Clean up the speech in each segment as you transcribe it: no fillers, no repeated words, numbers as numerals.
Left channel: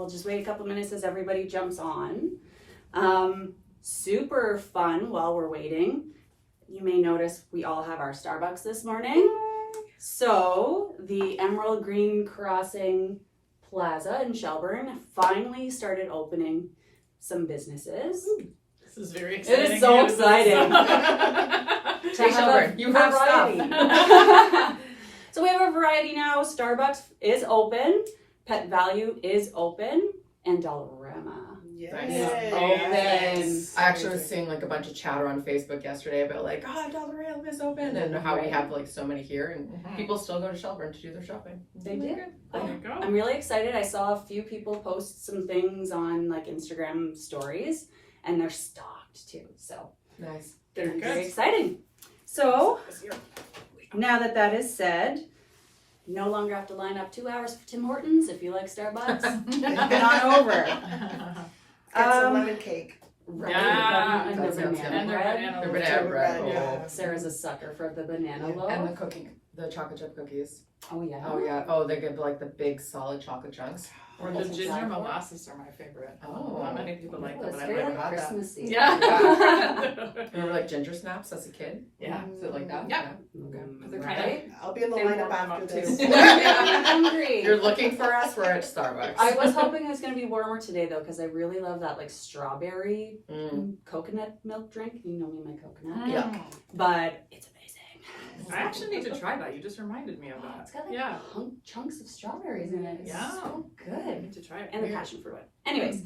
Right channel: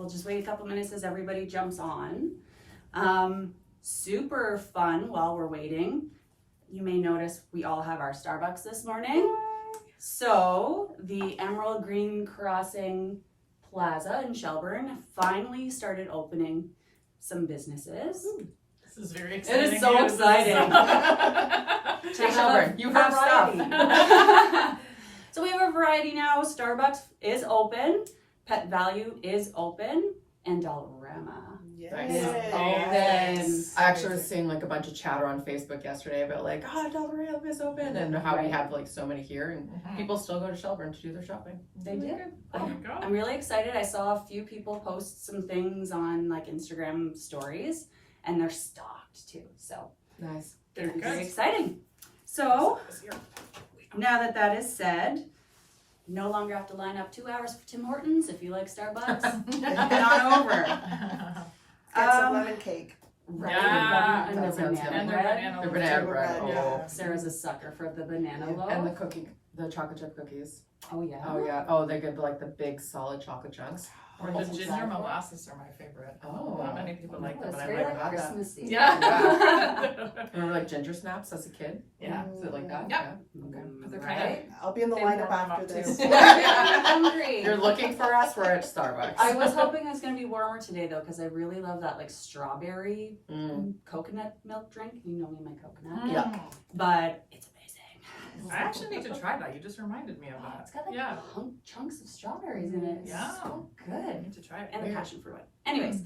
we'll just wait a couple minutes as everybody jumps on. Super fun while we're waiting. You may notice we all have our Starbucks this morning. So the Emerald Green Crossing Plaza in Shelburne finally started opening some businesses. This is very exciting. It is so exciting. Hey, Shelburne, you have variety. stuff. So we have a variety now. Starbucks is open, Pet Value is open, and Dollarama Nice. is open. I actually was seeing like a bunch of chatter on Facebook yesterday about like, Dollarama is open, and how we have like so many here, and people still go to Shelburne to do their shopping. They did. There you go. I'm really excited. I saw a few people post some things on like Instagram stories, and they're stocked too. So Nice. They're very good. exciting. So now that is said, you no longer have to line up 2 hours for Tim Hortons if you like Starbucks. Get on over. Get some lemon cake. Right. Yeah. And the That sounds banana And their bread. banana The loaf. banana bread. Yeah. Sarah's a sucker for the banana Yeah. loaf. And the chocolate chip cookies. Oh yeah. Oh yeah. Oh, they give like the big solid chocolate chunks. Or the That's ginger exactly. molasses are my favorite. Oh. Not many people like them, It's but I very like like that. Christmassy. Yeah. Remember like ginger snaps as a kid? Yeah. Is it like that? Yeah. Okay. They're Right. kind I'll be in the They lineup warm them after up, this. too. I'm hungry. You're looking for us. We're at Starbucks. I was hoping it was going to be warmer today though, because I really love that like strawberry coconut milk drink. You know me, my coconut. Yuck. But it's amazing. I actually need to try that. You just reminded me of It's that. got like Yeah. chunks of strawberries in it. It's Yeah. so I good. need to try it. And the Weird. passion fruit one. Anyways,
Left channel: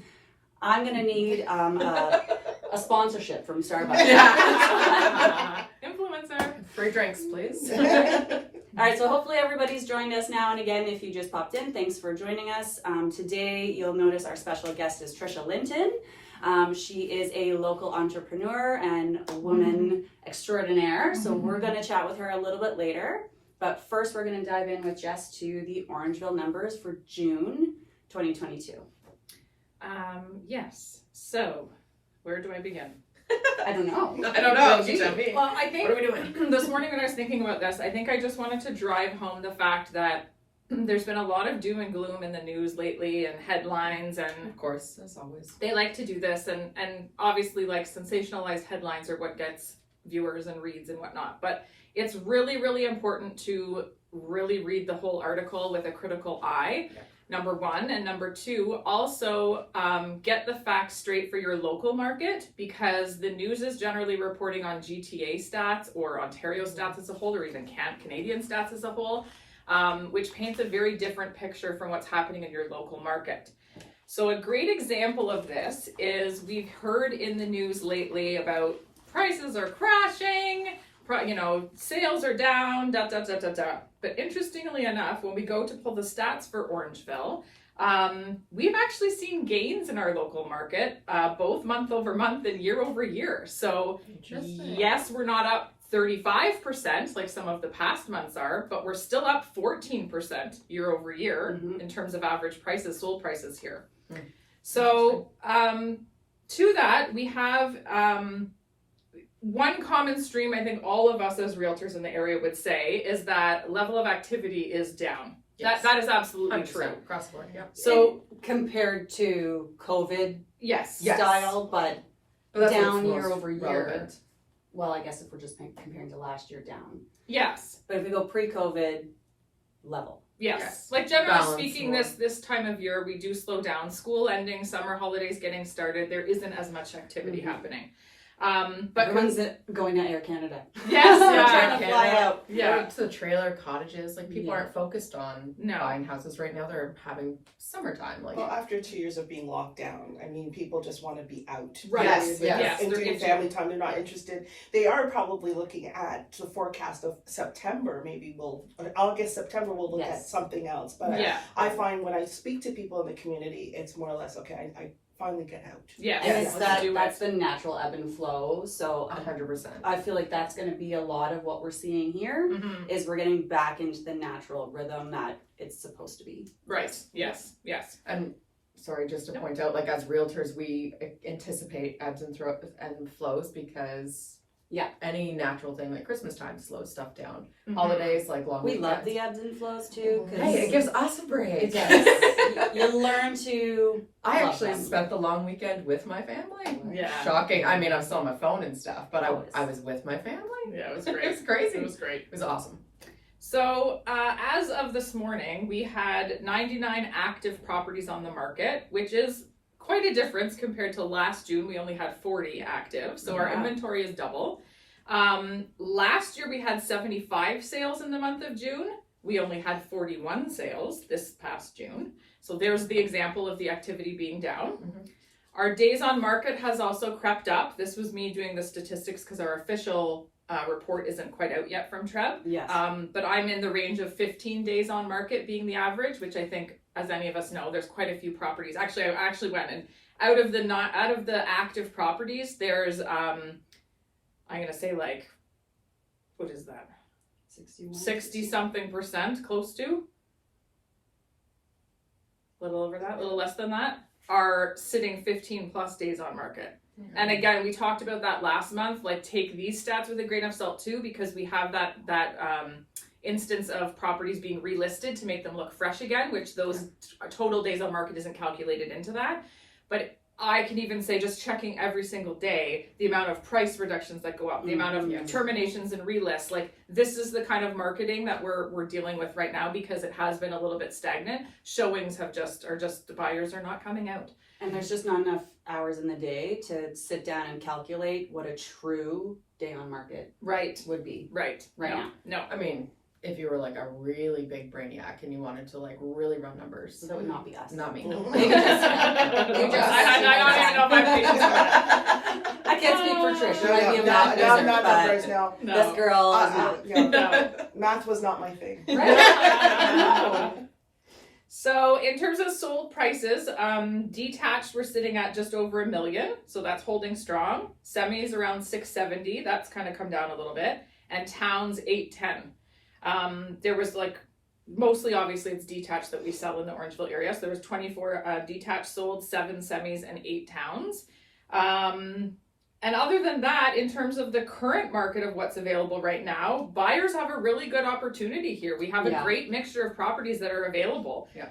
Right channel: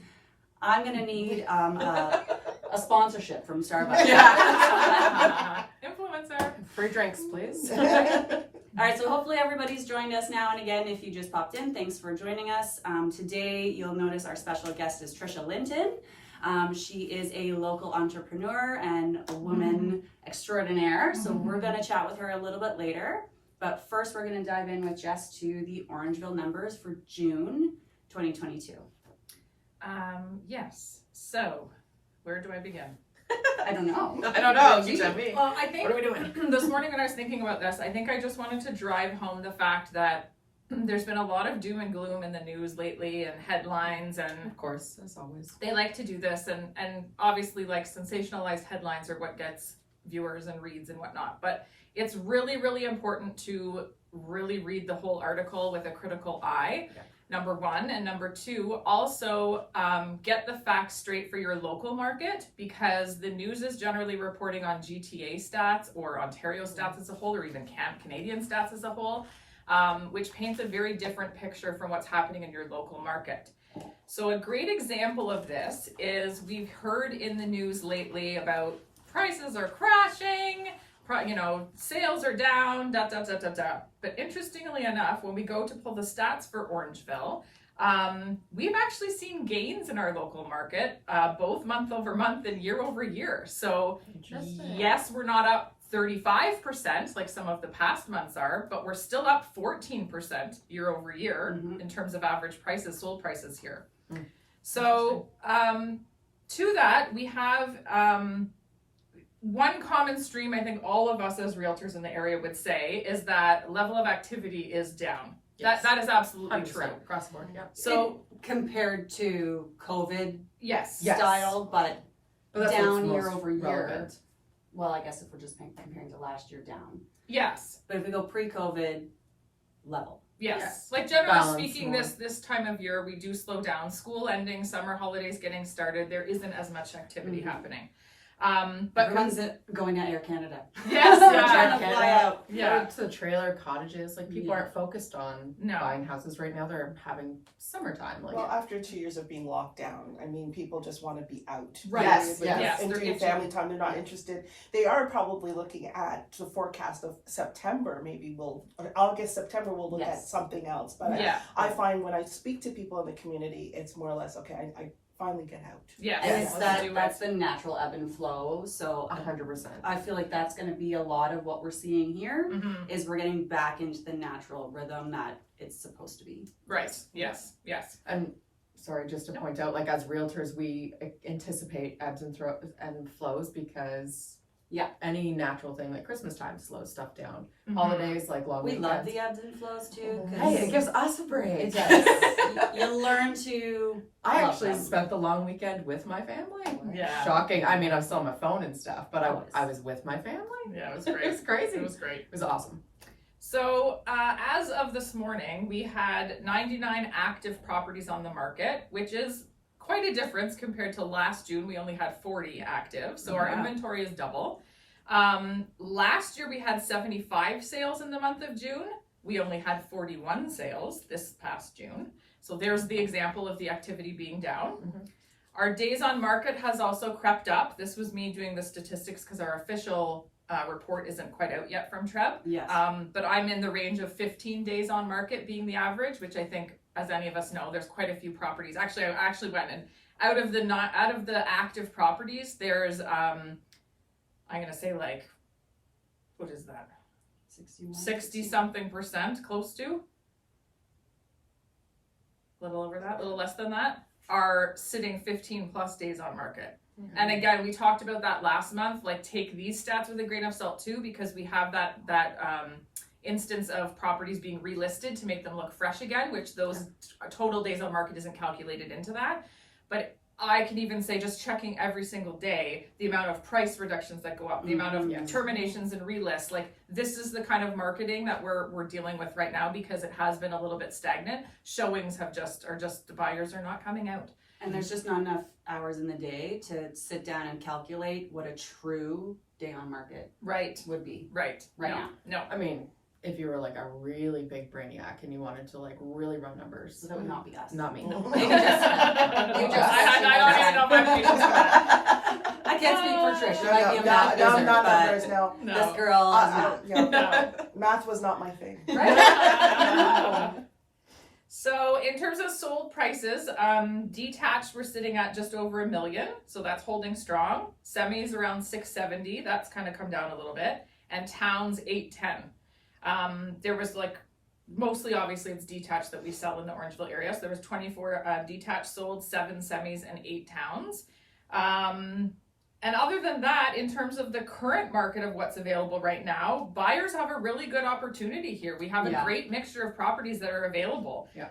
I'm going to need a sponsorship from Starbucks. Yeah. Influencer. Free drinks, please. All right, so hopefully everybody's joined us now. And again, if you just popped in, thanks for joining us. Today, you'll notice our special guest is Trisha Linton. She is a local entrepreneur and a woman extraordinaire. So we're going to chat with her a little bit later. But first, we're going to dive in with Jess to the Orangeville numbers for June 2022. Yes. So, where do I begin? I don't know. I don't know. You tell me. Well, I think What are we doing? this morning when I was thinking about this, I think I just wanted to drive home the fact that there's been a lot of doom and gloom in the news lately and headlines, and Of course, as always. they like to do this, and obviously like sensationalized headlines are what gets viewers and reads and whatnot, but it's really, really important to really read the whole article with a critical eye. Yep. Number one. And number two, also get the facts straight for your local market, because the news is generally reporting on GTA stats or Ontario stats as a whole, or even Canadian stats as a whole, which paints a very different picture from what's happening in your local market. So a great example of this is we've heard in the news lately about prices are crashing, sales are down, But interestingly enough, when we go to pull the stats for Orangeville, we've actually seen gains in our local market, both month over month and year over year. So yes, we're not up 35% like some of the past months are, but we're still up 14% year over year in terms of average prices, sold prices here. So to that, we have one common stream I think all of us as realtors in the area would say is that level of activity is down. Yes. That is absolutely 100% true. across the board. Yeah. So compared to COVID yes. Yes. style, but But that's down what's year most over year. relevant. Well, I guess if we're just comparing to last year, down. Yes. But if we go pre-COVID, level. Yes. Yes. Like generally Balance speaking, more. this time of year we do slow down. School ending, summer holidays getting started. There isn't as much activity happening. But Everyone's going to Air Canada. yes, Trying yeah, to fly out. yeah. To the trailer cottages, like people Yeah. aren't focused on No. buying houses right now. They're having summertime. Like Well, after 2 years of being locked down, I mean, people just want to be out. Right. Yes, They're yes. And They're doing itching. family time, they're not interested. They are probably looking at the forecast of September. Maybe August, September, we'll look at Yes. something else. But Yeah. I find when I speak to people in the community, it's more or less, okay, I finally get out. Yes. And Yes. it's Let's do it. that's the natural ebb and flow. So 100%. I feel like that's going to be a lot of what we're seeing here. Mhm. Is we're getting back into the natural rhythm that it's supposed to be. Right. Yes. Yes. And sorry, just to point out, like as realtors, we anticipate ebbs and flows because Yeah. Any natural thing like Christmas time slows stuff down. Mhm. Holidays, like long We weekends. love the ebbs and flows too. Hey, it gives us a break. It does. You learn to. I love actually them. spent the long weekend with my family. Yeah. Shocking. I mean, I was still on my phone and stuff, but Always. I was with my family. Yeah, it was It great. was crazy. It was great. It was awesome. So, as of this morning, we had 99 active properties on the market, which is quite a difference compared to last June. We only had 40 active, so our Yeah. inventory is double. Last year we had 75 sales in the month of June. We only had 41 sales this past June. So there's the example of the activity being down. Mhm. Our days on market has also crept up. This was me doing the statistics because our official report isn't quite out yet from Treb. Yes. But I'm in the range of 15 days on market being the average, which I think, as any of us know, there's quite a few properties. Actually, I actually went and out of the active properties, there's I'm gonna say like, what is that? 60 something percent, close to. A little over that, a little less than that, are sitting 15 plus days on market. And again, we talked about that last month, like take these stats with a grain of salt too, because we have that instance of properties being relisted to make them look fresh again, which those total days on market isn't calculated into that. But I can even say, just checking every single day, the amount of price reductions that go up, the amount of terminations and relists, like this is the kind of marketing that we're dealing with right now, because it has been a little bit stagnant. Showings are just the buyers are not coming out. And there's just not enough hours in the day to sit down and calculate what a true day on market Right. would be Right. right No. now. No. I mean, if you were like a really big brainiac and you wanted to like really run numbers, So that would not be us. not me. You just- I don't even know if I have patience for that. I can't speak for Trish. She might be a No, math no, wizard, not but numbers, no. No. this girl is not. Yeah, No. math was not my thing. Right? So in terms of sold prices, detached we're sitting at just over $1 million, so that's holding strong. Semis around 670, that's kind of come down a little bit, and towns 810. There was like mostly, obviously, it's detached that we sell in the Orangeville area. So there was 24 detached sold, 7 semis, and 8 towns. And other than that, in terms of the current market of what's available right now, buyers have a really good opportunity here. We have a great mixture of properties that are available. Yeah.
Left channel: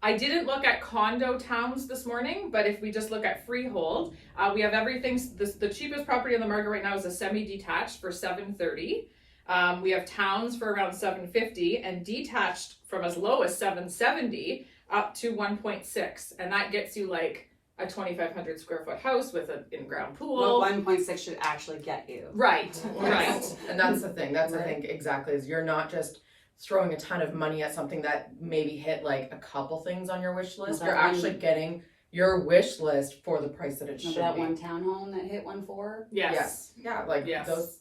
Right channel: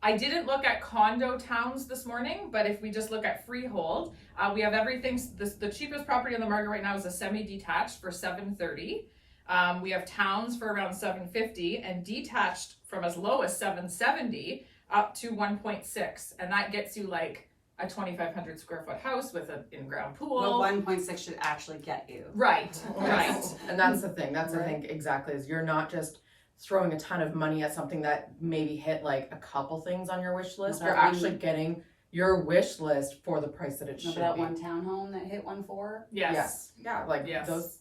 I didn't look at condo towns this morning, but if we just look at freehold, we have everything. The cheapest property on the market right now is a semi-detached for $730. We have towns for around $750, and detached from as low as $770 up to $1.6, and that gets you like a 2,500 square foot house with an in-ground pool. Well, 1.6 should actually get you. Right, right. And that's the thing. That's Right. the thing exactly, is you're not just throwing a ton of money at something that maybe hit like a couple things on your wish list. That You're one- actually getting your wish list for the price that it should Remember that be. one townhome that hit 1.4? Yes. Yeah, like Yes. those.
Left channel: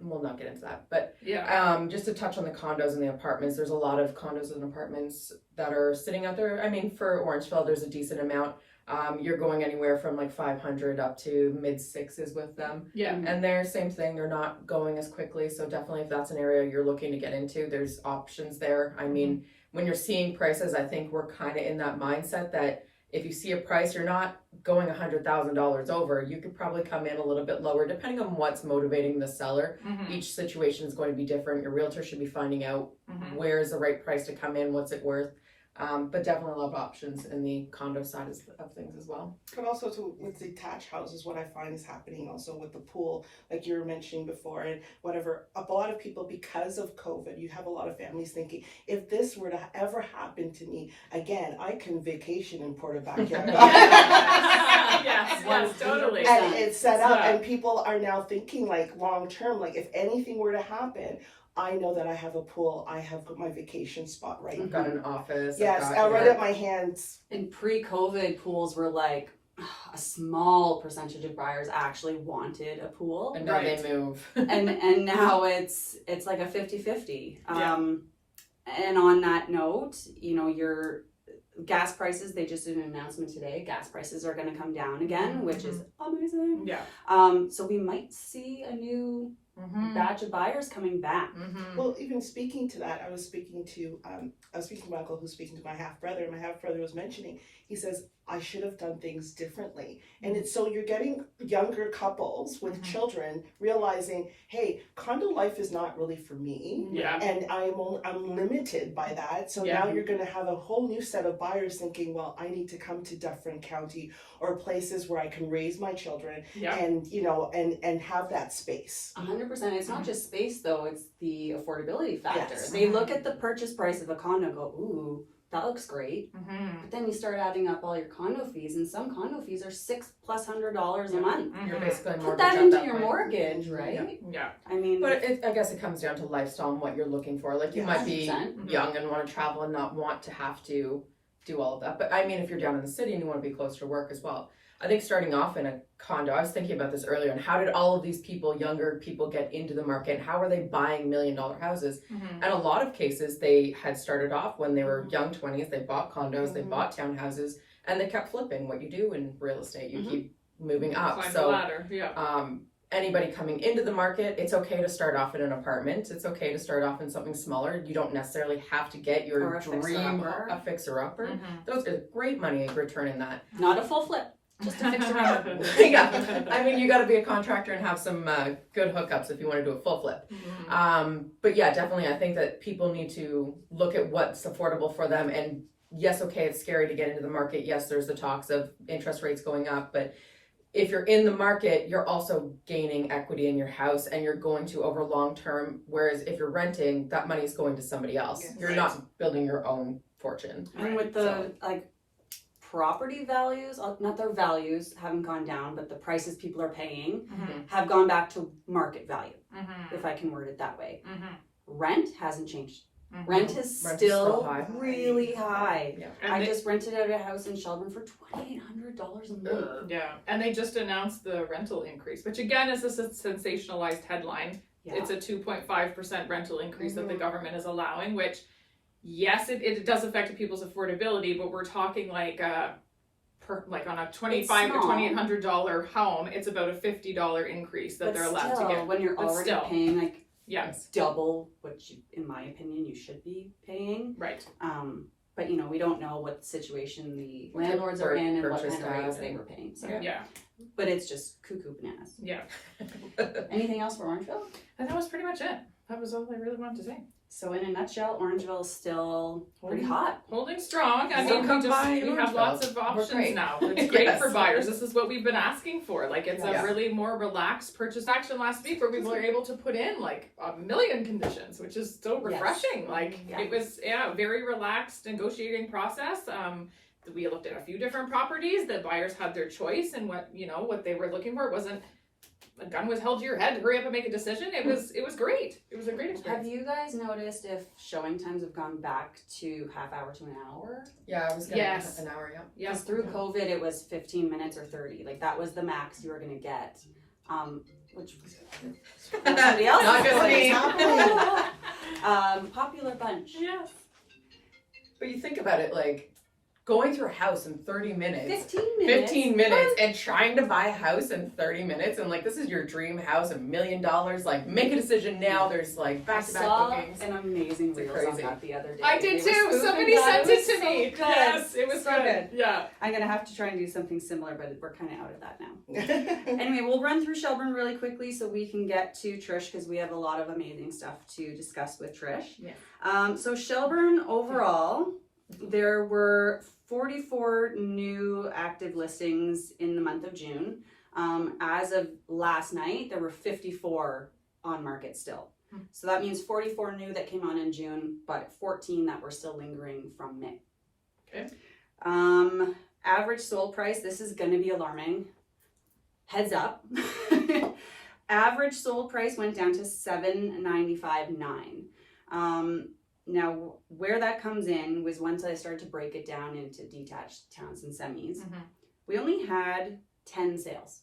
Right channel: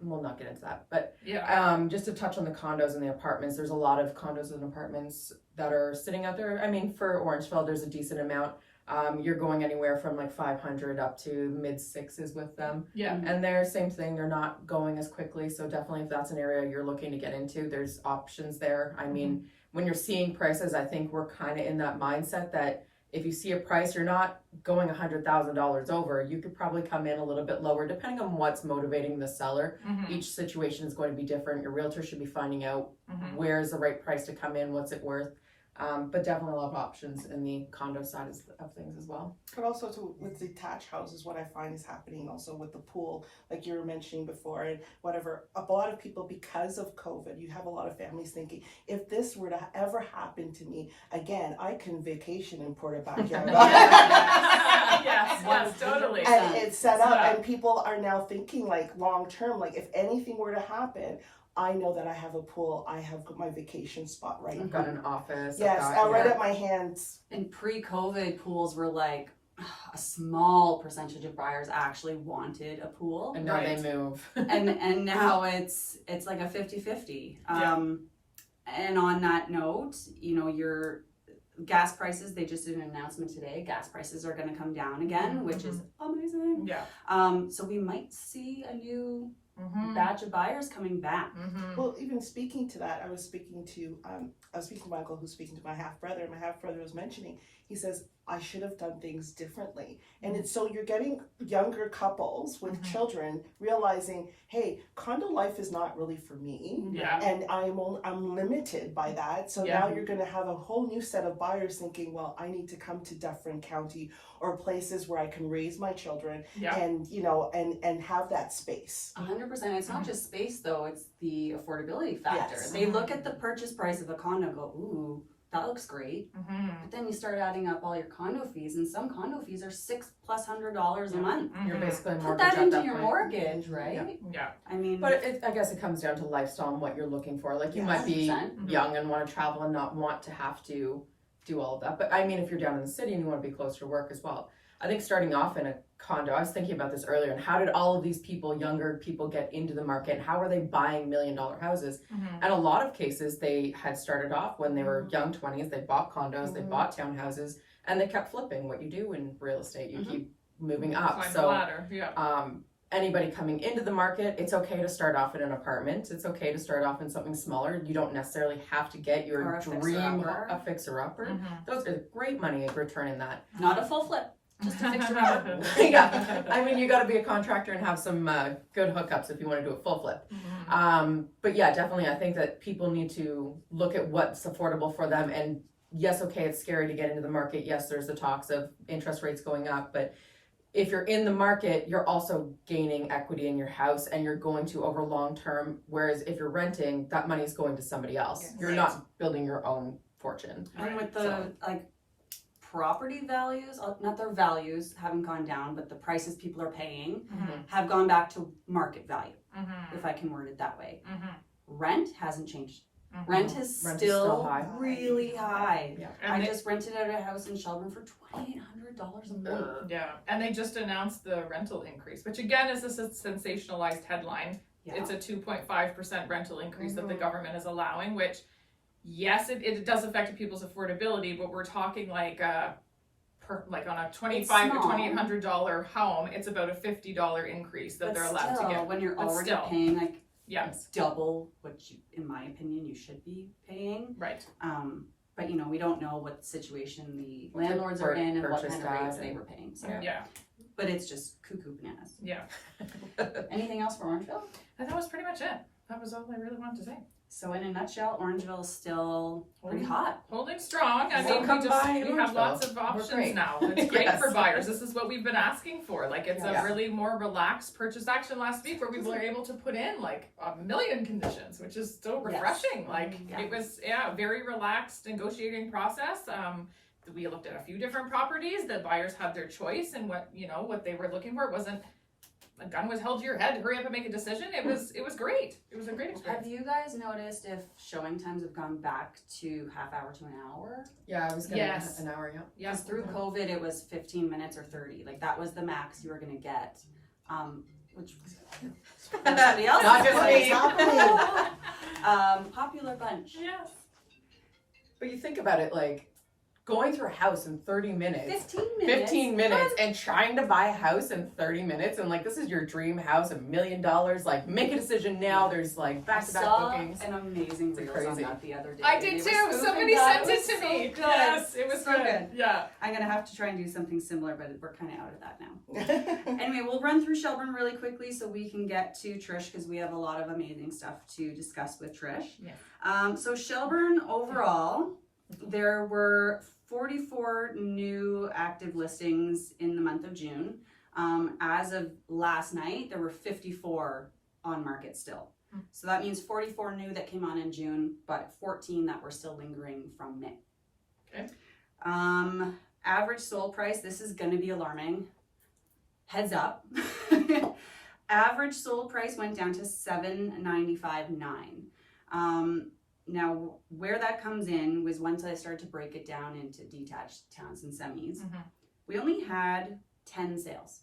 We'll not get into that, but Yeah. just to touch on the condos and the apartments, there's a lot of condos and apartments that are sitting out there. I mean, for Orangeville, there's a decent amount. You're going anywhere from like 500 up to mid 6s with them. Yeah. And they're same thing, they're not going as quickly. So definitely if that's an area you're looking to get into, there's options there. I mean, when you're seeing prices, I think we're kind of in that mindset that if you see a price, you're not going $100,000 over. You could probably come in a little bit lower depending on what's motivating the seller. Mhm. Each situation is going to be different. Your realtor should be finding out Mhm. where's the right price to come in, what's it worth. But definitely a lot of options in the condo side of things as well. But also with detached houses, what I find is happening also with the pool, like you were mentioning before, and whatever. A lot of people, because of COVID, you have a lot of families thinking, if this were to ever happen to me again, I can vacation in Puerto Backyard. Yes, totally. And it's set up, Yeah. and people are now thinking like long term, like if anything were to happen, I know that I have a pool, I have my vacation spot right I've now. got an office. Yes, I've I got, read it my hands. And pre-COVID, pools were like a small percentage of buyers actually wanted a pool. And now Right. they move. and now it's like a 50-50. And on that note, you know, your gas prices, they just did an announcement today, gas prices are going to come down again, which is amazing. Yeah. So we might see a new Mhm. batch of buyers coming back. Mhm. Well, even speaking to that, I was speaking to my uncle who's speaking to my half brother. My half brother was mentioning, he says, I should have done things differently. And it's so you're getting younger couples with children realizing, hey, condo life is not really for me. Yeah. And I'm limited by that. So now you're going to have a whole new set of buyers thinking, well, I need to come to Dufferin County or places where I can raise my children and, you know, and have that space. 100%. It's not just space though, it's the affordability factor. Yes. They look at the purchase price of a condo and go, ooh, that looks great. But then you start adding up all your condo fees, and some condo fees are $600+ a month. You're basically Put that mortgage at into that your point. mortgage, right? Yeah. I mean, But I guess it comes down to lifestyle and what you're looking for. Like you might be 100%. young and want to travel and not want to have to do all of that. But I mean, if you're down in the city and you want to be closer to work as well. I think starting off in a condo, I was thinking about this earlier, and how did all of these people, younger people, get into the market? How are they buying $1 million houses? And a lot of cases, they had started off when they were young 20s, they bought condos, they bought townhouses, and they kept flipping. What you do in real estate, you keep moving up. Climb the ladder. Anybody coming into the market, it's okay to start off in an apartment. It's okay to start off in something smaller. You don't necessarily have to get your Or a dream, fixer-upper. a fixer-upper. Those are great money return in that. not a full flip, just a fixer upper. Yeah, I mean, you got to be a contractor and have some good hookups if you want to do a full flip. But yeah, definitely, I think that people need to look at what's affordable for them. And yes, okay, it's scary to get into the market. Yes, there's the talks of interest rates going up, but if you're in the market, you're also gaining equity in your house, and you're going to over long term. Whereas if you're renting, that money is going to somebody else. Yes. You're not building your own fortune. And with the property values, not their values haven't gone down, but the prices people are paying have gone back to market value, if I can word it that way. Rent hasn't changed. Rent is still high. really high. Yeah. I just rented out a house in Shelburne for $2,800 a month. Yeah, and they just announced the rental increase, which again is a sensationalized headline. Yeah. It's a 2.5% rental increase that the government is allowing, which, yes, it does affect people's affordability, but we're talking like on a $2,500 to $2,800 home, it's about a $50 increase that But they're allowed still, to get. when you're But already still. paying like Yes, double what you, in my opinion, you should be paying. right. But you know, we don't know what situation the What type landlords of are in and what purchase kind of rates that they and- were paying. So, Yeah, but it's just cuckoo bananas. yeah. Anything else for Orangeville? And that was pretty much it. That was all I really wanted to say. So in a nutshell, Orangeville is still pretty hot. Holding strong. I mean, Welcome we by have Orangeville. lots of We're options great. now. It's great Yes. for buyers. This is what we've been asking for. Like, it's Yeah. a really more relaxed purchase action last week where we were able to put in like 1,000,000 conditions, which is so refreshing. Like, Yeah. it was, very relaxed negotiating process. We looked at a few different properties. The buyers had their choice and what they were looking for. It wasn't a gun was held to your head, hurry up and make a decision. It was great. It was a great experience. Have you guys noticed if showing times have gone back to half hour to an hour? Yeah, I was getting Yes. an hour, yeah. Because through COVID, it was 15 minutes or 30. Like that was the max you were gonna get. Which somebody else Not is good for like, me. popular bunch. Yes. But you think about it, like, going through a house in 30 minutes. 15 minutes. And trying to buy a house in 30 minutes, and like, this is your dream house, $1 million. Like, make a decision now. There's like I back-to-back saw bookings. an amazing It's reels on crazy. that the other day. I did They were too. spoofing Somebody that. sent It it to was me. so good. Yes, it was So good. Yeah. I'm gonna have to try and do something similar, but we're kind of out of that now. Anyway, we'll run through Shelburne really quickly so we can get to Trish because we have a lot of amazing stuff to discuss with Trish. Yeah. So Shelburne overall, there were 44 new active listings in the month of June. As of last night, there were 54 on market still. So that means 44 new that came on in June, but 14 that were still lingering from May. Okay. Average sold price, this is going to be alarming. Heads up. Average sold price went down to $795,900. Now, where that comes in was once I started to break it down into detached towns and semis. We only had 10 sales.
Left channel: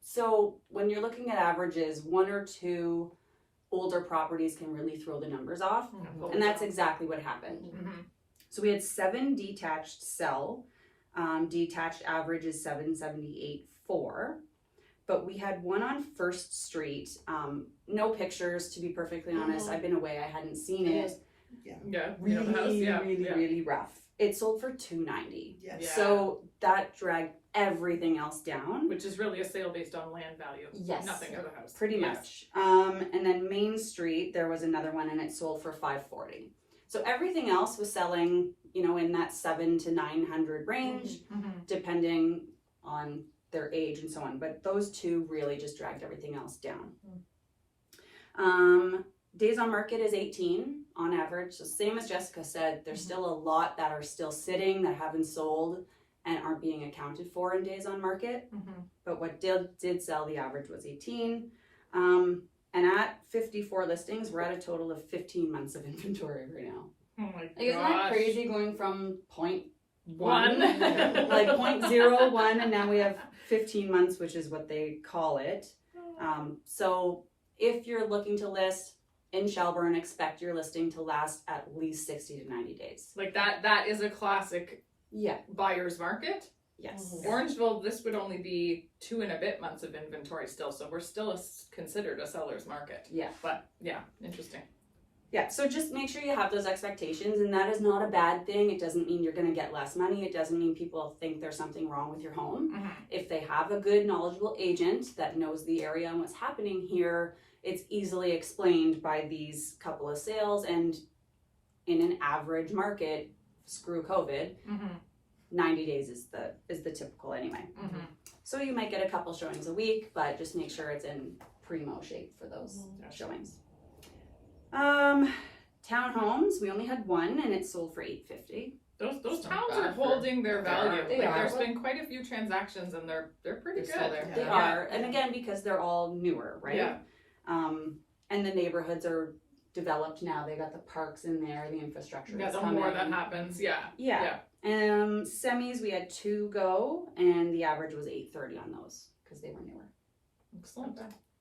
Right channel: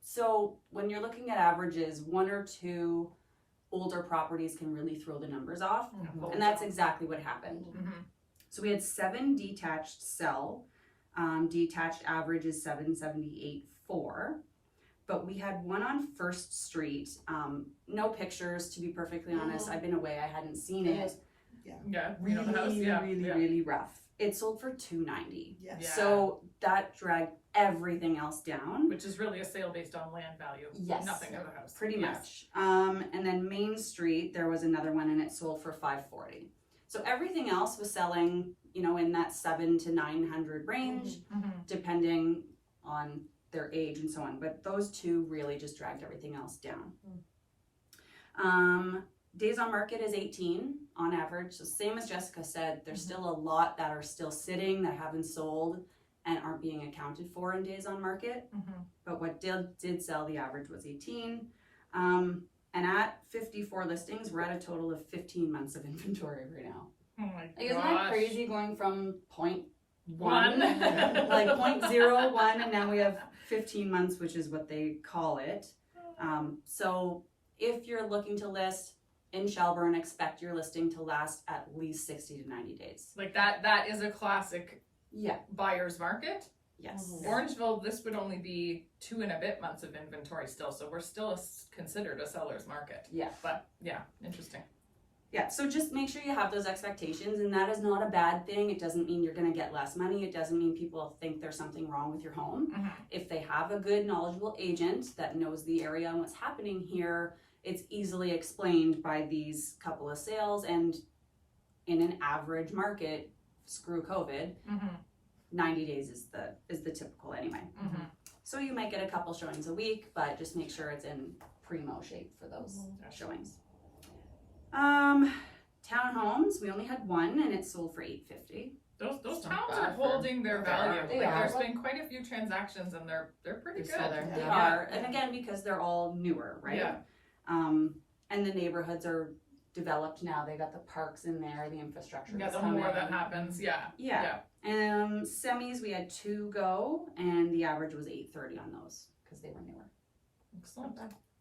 So when you're looking at averages, 1 or 2 older properties can really throw the numbers off. And that's exactly what happened. So we had 7 detached sell. Detached average is 778.4. But we had one on First Street. No pictures, to be perfectly honest. I've been away. I hadn't seen it. Yeah. Really, really rough. it sold for $290. Yes. Yeah. So that dragged everything else down. Which is really a sale based on land value. Yes. Nothing of the house. Pretty Yes. much. And then Main Street, there was another one and it sold for $540. So everything else was selling, you know, in that $700 to $900 range, Mm-hmm. depending on their age and so on. But those two really just dragged everything else down. Days on market is 18 on average. So same as Jessica said, there's still a lot that are still sitting that haven't sold and aren't being accounted for in days on market. Mm-hmm. But what did sell, the average was 18. And at 54 listings, we're at a total of 15 months of inventory right now. Oh my Like, isn't that gosh. crazy going from point One. like 0.01 and now we have 15 months, which is what they call it. So if you're looking to list in Shelburne, expect your listing to last at least 60 to 90 days. Like that is a classic Yeah. buyer's market. Yes. Mhm. Orangeville, this would only be 2 and a bit months of inventory still, so we're still considered a seller's market. Yeah. But yeah, interesting. Yeah, so just make sure you have those expectations, and that is not a bad thing. It doesn't mean you're going to get less money. It doesn't mean people think there's something wrong with your home. Mm-hmm. If they have a good, knowledgeable agent that knows the area and what's happening here, it's easily explained by these couple of sales. And in an average market, screw COVID, Mm-hmm. 90 days is the typical anyway. Mm-hmm. So you might get a couple showings a week, but just make sure it's in primo shape for those showings. Townhomes, we only had one and it sold for $850. Those It's not towns bad are for- holding their value. They like are. there's been quite a few transactions and they're pretty They're still good. there. They Yeah. are, and again, because they're all newer, right? Yeah. And the neighborhoods are developed now. They got the parks in there, the infrastructure. Yeah, is the coming. more that happens, yeah. Yeah. Semis, we had 2 go, and the average was $830 on those because they were newer. Excellent.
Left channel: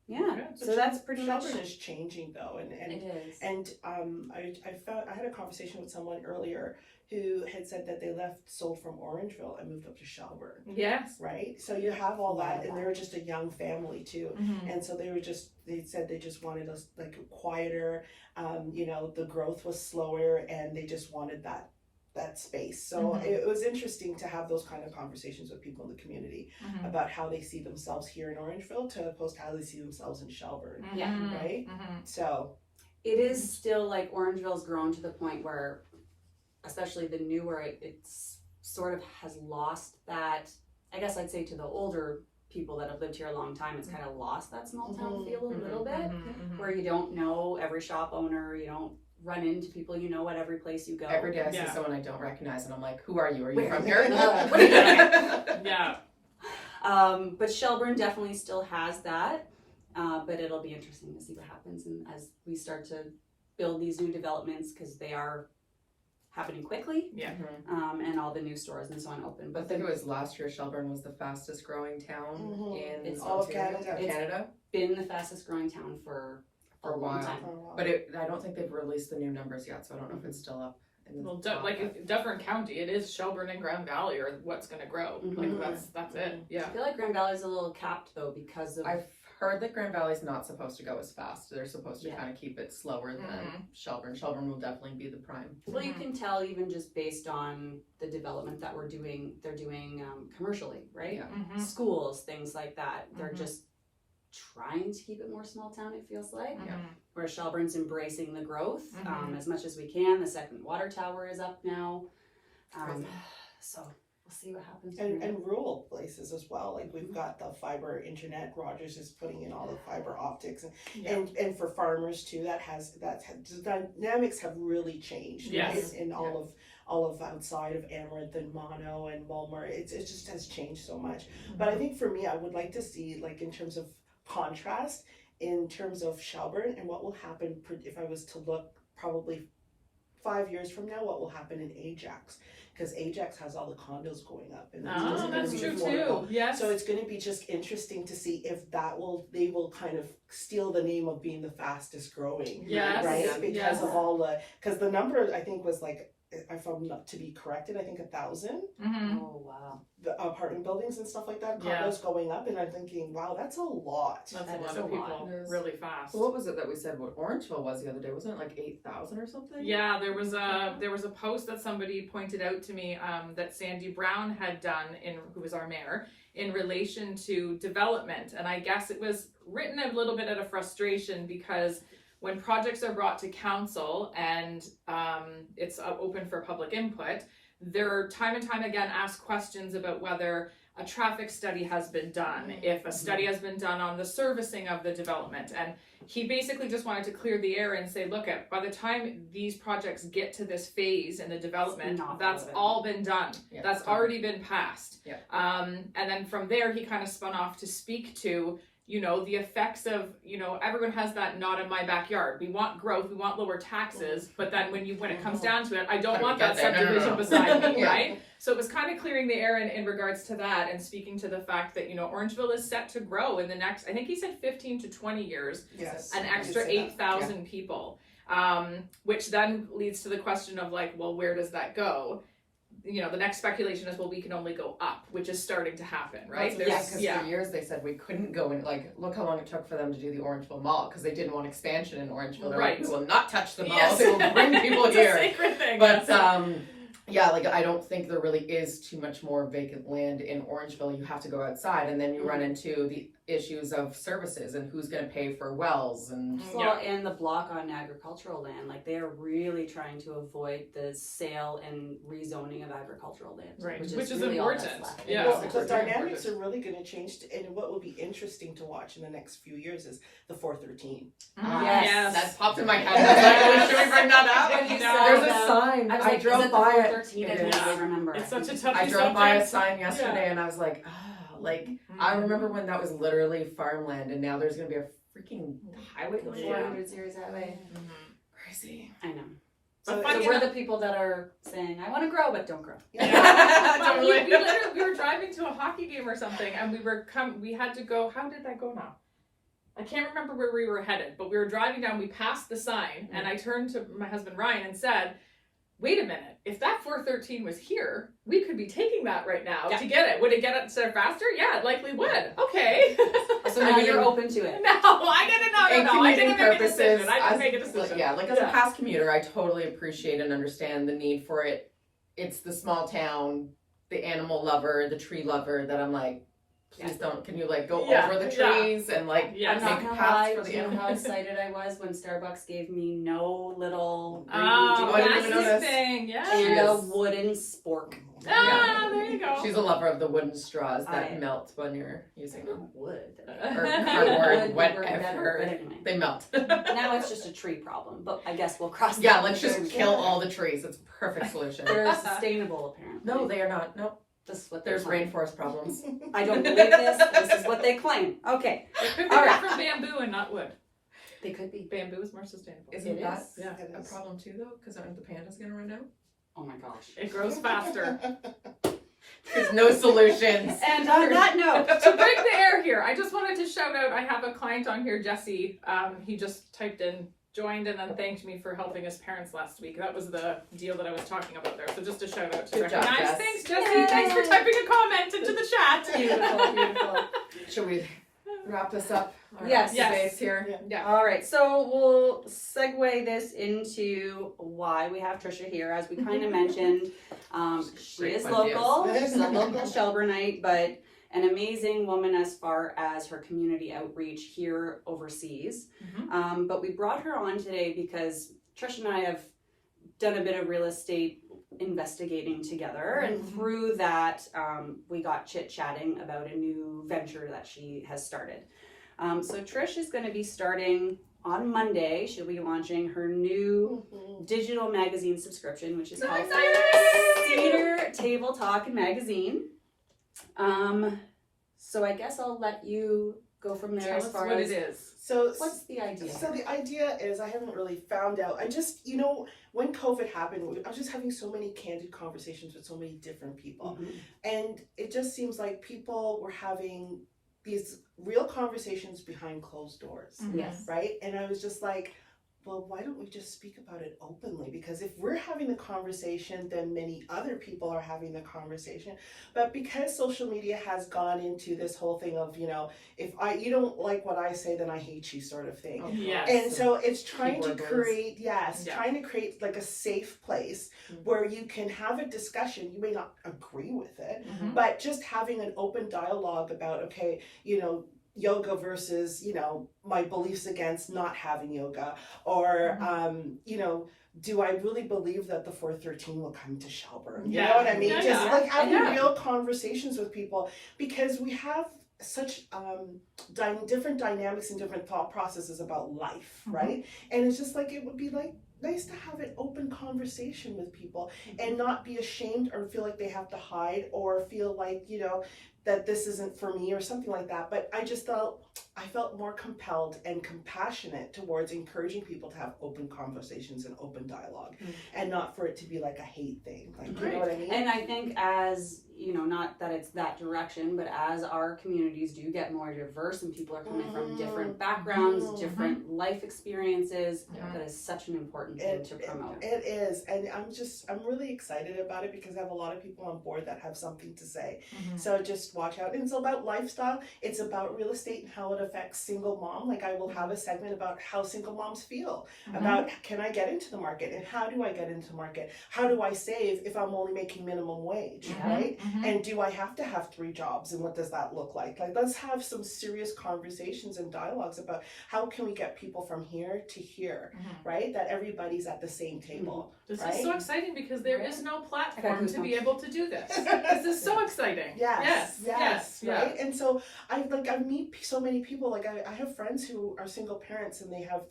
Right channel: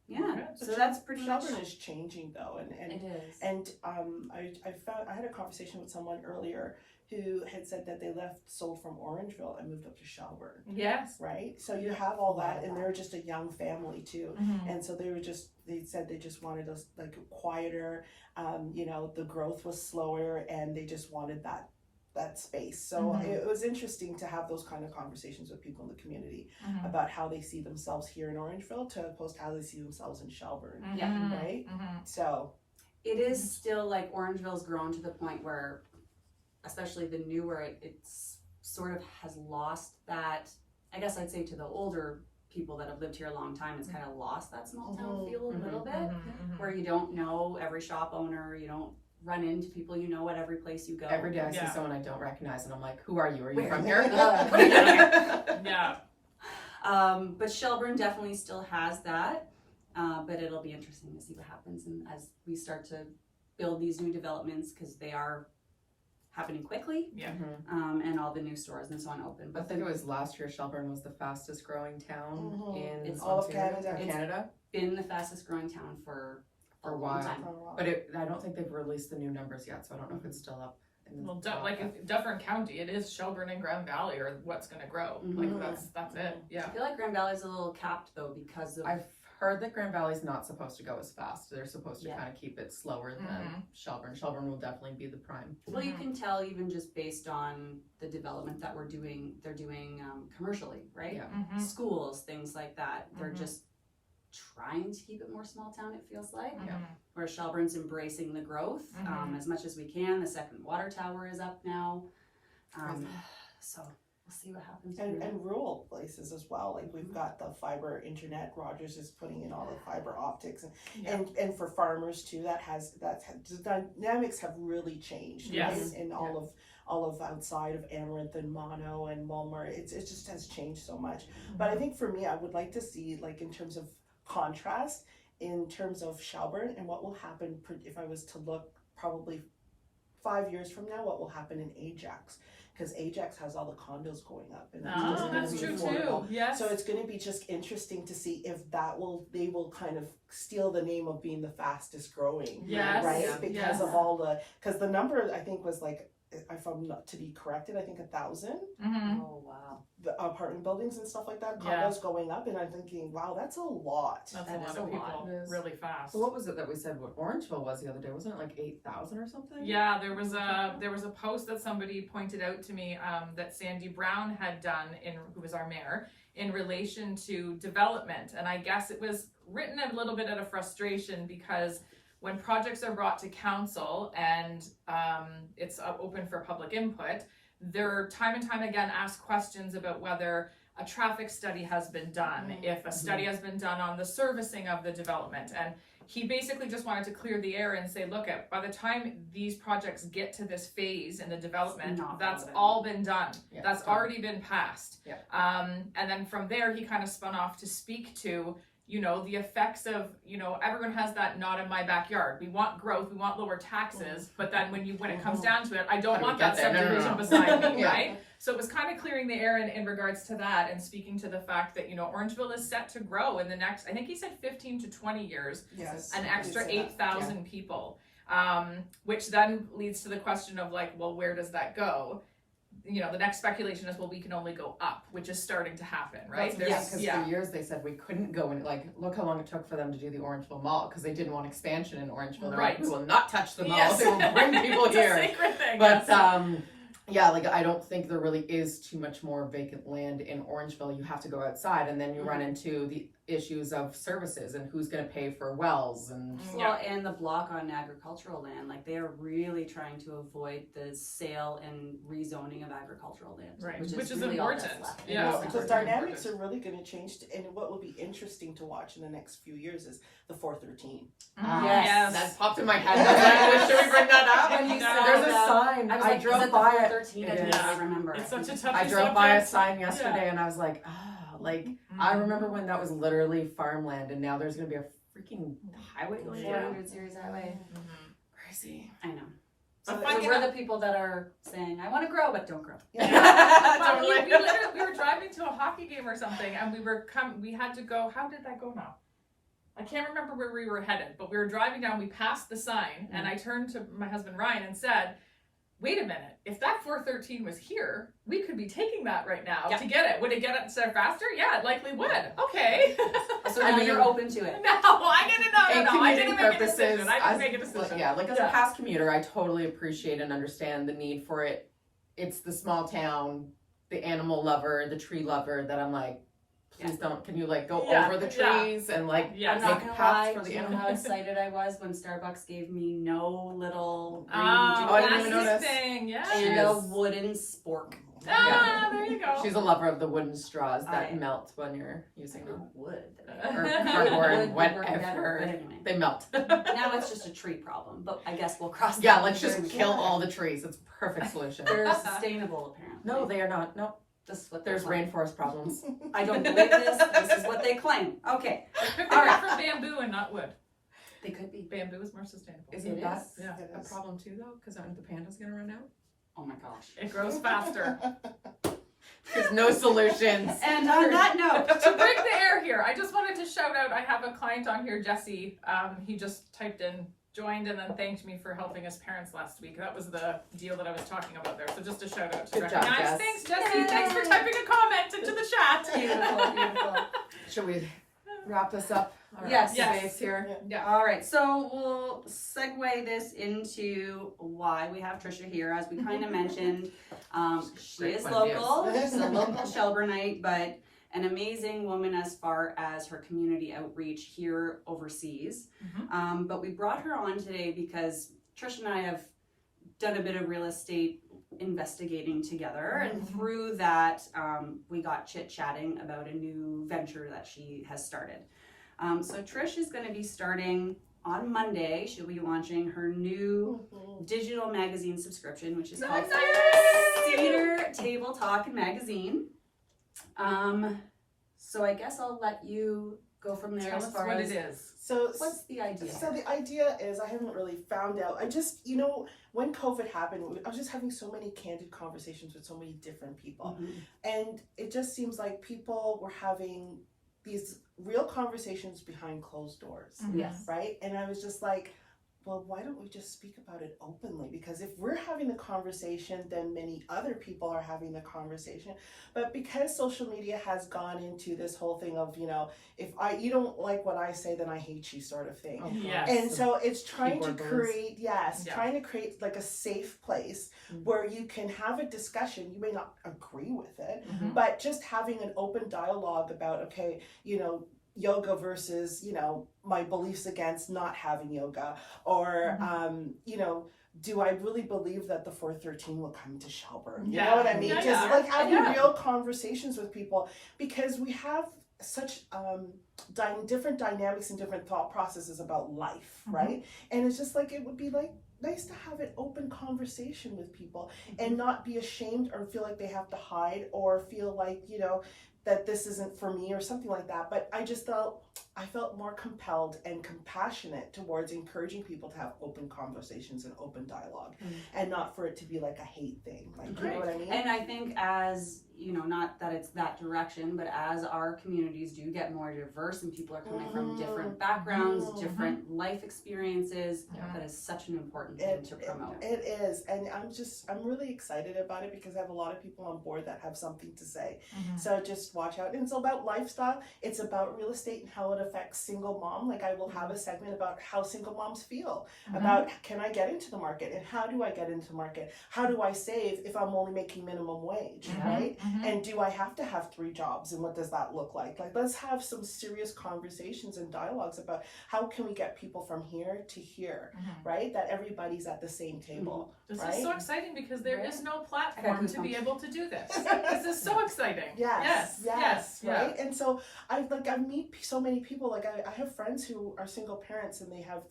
Yeah, Okay. so that's pretty much. Shelburne is changing though, and is. I had a conversation with someone earlier who had said that they sold from Orangeville and moved up to Shelburne, Yes. right? So you have all that, and they were just a young family too, Mm-hmm. and so they said they just wanted us like quieter. You know, the growth was slower, and they just wanted that space. So Mhm. it was interesting to have those kind of conversations with people in the community Mm-hmm. about how they see themselves here in Orangeville to opposed to how they see themselves in Shelburne. Yeah. Right? Mm-hmm. So It is still like Orangeville's grown to the point where, especially the newer, it's sort of has lost that. I guess I'd say to the older people that have lived here a long time, it's kind of lost that small town Mhm. feel a little bit, Mm-hmm. where you don't know every shop owner, you don't run into people you know at every place you go. Every day I see Yeah. someone I don't recognize and I'm like, who are you? Are you Where- from here? what are you doing here? Yeah. But Shelburne definitely still has that. But it'll be interesting to see what happens and as we start to build these new developments because they are happening quickly, Yeah. Mhm. and all the new stores and so on open. I But think it was last year Shelburne was the fastest growing town Mhm. in It's all of Ontario, Canada. in It's- Canada. been the fastest growing town for a For a long while. time. But I don't think they've released the new numbers yet, so I don't know if it's still up. In the Well, top, like but- if Dufferin County, it is Shelburne and Grand Valley are what's going to grow. Mhm. Like that's it. I Yeah. feel like Grand Valley's a little capped though because of I've heard that Grand Valley's not supposed to go as fast. They're supposed to Yeah. kind of keep it slower than Mhm. Shelburne. Shelburne will definitely be the prime. well, you can tell even just based on the development that they're doing commercially, right? Yeah. Mm-hmm. Schools, things like that. They're Mhm. just trying to keep it more small town, it feels like. Mm-hmm. Where Shelburne's embracing the growth Mhm. as much as we can. The second water tower is up now. Crazy. So we'll see what happens. And, from there. and rural places as well. Like we've got the fiber internet. Rogers is putting in all the fiber optics, Yeah. and for farmers too. The dynamics have really changed. Yes. Right? In all of outside of Amaranth and Mono and Mulmer, it just has changed so much. But I think for me, I would like to see like in terms of contrast, in terms of Shelburne and what will happen if I was to look probably 5 years from now, what will happen in Ajax. Because Ajax has all the condos going up, and Oh, just that's gonna true be too. affordable. Yes. So it's going to be just interesting to see if they will kind of steal the name of being the fastest growing, Yes. right? Yeah. Because Yes. of because the number I think was like if I'm not to be corrected, I think 1,000. Mm-hmm. Oh wow. The apartment buildings and stuff like that, Yeah. condos going up, and I'm thinking, wow, that's a lot. That's That a lot is of a people lot. really fast. What was it that we said what Orangeville was the other day? Wasn't it like 8,000 or something? Yeah, there was a post that somebody pointed out to me that Sandy Brown had done who was our mayor in relation to development, and I guess it was written a little bit out of frustration because when projects are brought to council and it's open for public input, there are time and time again asked questions about whether a traffic study has been done, if a study has been done on the servicing of the development. And he basically just wanted to clear the air and say, look, by the time these projects get to this phase in the development, that's all been done. Yeah, that's already been passed. Yeah. And then from there, he kind of spun off to speak to, you know, the effects of, you know, everyone has that not in my backyard. We want growth, we want lower taxes, but then when it comes down to it, I don't want that subdivision beside me, Yeah. right? So it was kind of clearing the air in regards to that and speaking to the fact that, you know, Orangeville is set to grow in the next, I think he said 15 to 20 years, Yes. an I extra did say that. 8,000 people, which then leads to the question of like, well, where does that go? You know, the next speculation is, well, we can only go up, which is starting to happen, right? Because for years they said we couldn't go in. Like, look how long it took for them to do the Orangeville Mall because they didn't want expansion in Orangeville. They're Right. like, we will not touch the mall. Yes. They will bring people It's a here. sacred thing. But yes. yeah, like I don't think there really is too much more vacant land in Orangeville. You have to go outside, and then you run into the issues of services and who's going to pay for wells and. Well, and the block on agricultural land, like they're really trying to avoid the sale and rezoning of agricultural land, Right, which which is really all important. that's left. Yeah. Well, it's the very dynamics important. are really going to change, and what will be interesting to watch in the next few years is the 413. Yes. That popped in my head. I was like, should we bring that up? When you No. said There's a that, sign. I was like, drove is it the by 413? I it. didn't Yeah. really remember. It's such a touchy I subject. drove by a sign yesterday, Yeah. and I was like, like I remember when that was literally farmland, and now there's gonna be a freaking highway going Yeah. 400 series highway. Crazy. I know. But So finding we're out- the people that are saying, I want to grow, but don't grow. Yeah. Well, Totally. we were driving to a hockey game or something, and we had to go. How did that go now? I can't remember where we were headed, but we were driving down. We passed the sign, and I turned to my husband Ryan and said, "Wait a minute! If that 413 was here, we could be taking that right now to get it. Would it get us there faster? Yeah, it likely would. Okay. So now you're open to it. No, I didn't know. No, I didn't make a decision. I didn't as- make a decision. Like as a past commuter, I totally appreciate and understand the need for it. It's the small town, the animal lover, the tree lover that I'm like, please don't. Can you like go over the trees and like Yes. I'm not make gonna paths lie for to the you how animals? excited I was when Starbucks gave me no little Oh, I didn't that's even his notice. thing. Yes. and a wooden spork. Ah, there you go. She's a lover of the wooden straws that I- melt when you're using them. Wood. Or Wood cardboard, would work better, whatever. but anyway. They melt. Now it's just a tree problem, but I guess we'll cross that. Yeah, let's bridge just when we kill get there. all the trees. It's a perfect solution. They're sustainable, apparently. No, they are not. Nope. This is what There's they're claiming. rainforest problems. I don't believe this. This is what they claim. Okay, It could be All right. from bamboo and not wood. they could be. Bamboo is more sustainable. Isn't It that is. Yeah. a problem too, though? Because aren't the pandas going to run out? Oh my gosh. It grows faster. There's no solutions. And on that note, To break the air here, I just wanted to shout out, I have a client on here, Jesse. He just typed in, joined, and then thanked me for helping his parents last week. That was the deal that I was talking about there. So just a shout out to Good job, recognize. Jess. Thanks, Jesse. Yay. Thanks for typing a comment into the chat. beautiful, beautiful. Should we wrap this up? Yes. Yes. Here. Yeah. All right, so we'll segue this into why we have Trisha here. As we kind of mentioned, she Great is one, local. yes. She's a local Shelburnite, but an amazing woman as far as her community outreach here overseas. But we brought her on today because Trisha and I have done a bit of real estate investigating together, and through that, we got chit-chatting about a new venture that she has started. So Trish is going to be starting on Monday. She'll be launching her new digital magazine subscription, which is So called excited! Cedar Table Talk Magazine. So I guess I'll let you go from there Tell as us far what as it is. So what's the idea. So the idea is, I haven't really found out. I just, when COVID happened, I was just having so many candid conversations with so many different people. Mhm. And it just seems like people were having these real conversations behind closed doors, Mhm. Yes. right? And I was just like, well, why don't we just speak about it openly? Because if we're having the conversation, then many other people are having the conversation. But because social media has gone into this whole thing of, if you don't like what I say, then I hate you sort of thing. Yes. And so it's trying to Keyboard words. create, trying to create like a safe place where you can have a discussion. You may not agree with it, but just having an open dialogue about, okay, yoga versus, my beliefs against not having yoga, or, do I really believe that the 413 will come to Shelburne? You know what I mean? Yeah, Just yeah. like having real conversations with people, because we have such different dynamics and different thought processes about life, right? And it's just like, it would be like nice to have an open conversation with people and not be ashamed or feel like they have to hide or feel like, that this isn't for me or something like that. But I felt more compelled and compassionate towards encouraging people to have open conversations and open dialogue, and not for it to be like a hate thing. Like, you know what I mean? And I think as, not that it's that direction, but as our communities do get more diverse and people are coming from different backgrounds, different life experiences, that is such an important thing to promote. It is. And I'm really excited about it because I have a lot of people on board that have something to say. So just watch out. And it's about lifestyle. It's about real estate and how it affects single mom. Like, I will have a segment about how single moms feel, about can I get into the market and how do I get into the market? How do I save if I'm only making minimum wage, right? And do I have to have 3 jobs, and what does that look like? Like, let's have some serious conversations and dialogues about how can we get people from here to here, right? That everybody's at the same table. This right? is so exciting because there is no platform to be able to do this. This is so exciting. Yes, Yeah. right? And so I meet so many people. Like, I have friends who are single parents and they have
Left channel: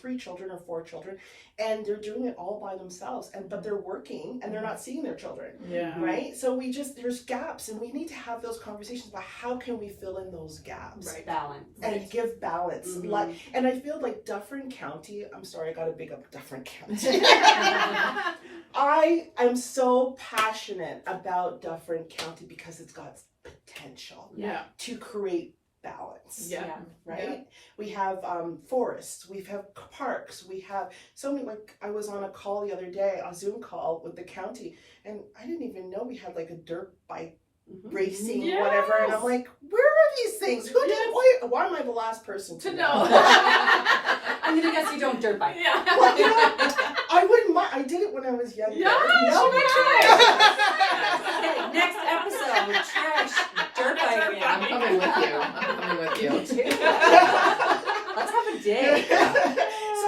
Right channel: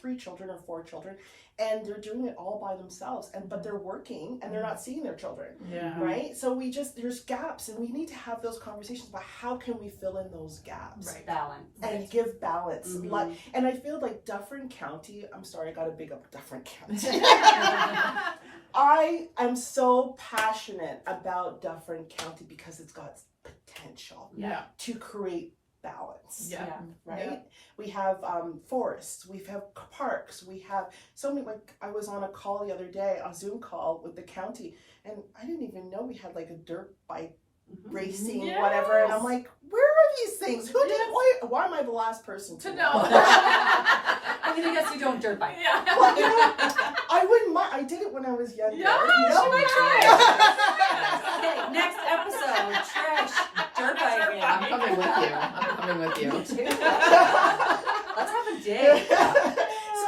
three children or 4 children, and they're doing it all by themselves, but they're working and they're not seeing their children, right? So there's gaps, and we need to have those conversations about how can we fill in those gaps, Right. Balance. and give balance. And I feel like Dufferin County, I'm sorry, I gotta big up Dufferin County. I am so passionate about Dufferin County because it's got potential to create balance. Right? We have forests, we have parks, we have so many. Like, I was on a call the other day, a Zoom call with the county, and I didn't even know we had like a dirt bike racing, whatever. And I'm like, where are these things? Who did? Why am I the last person to know? I'm gonna guess you don't dirt bike. Well, I wouldn't mind. I did it when I was younger. Yeah, she might try. Okay, next episode, Trish, dirt biking. I'm coming with you. Me too. Let's have a day. So,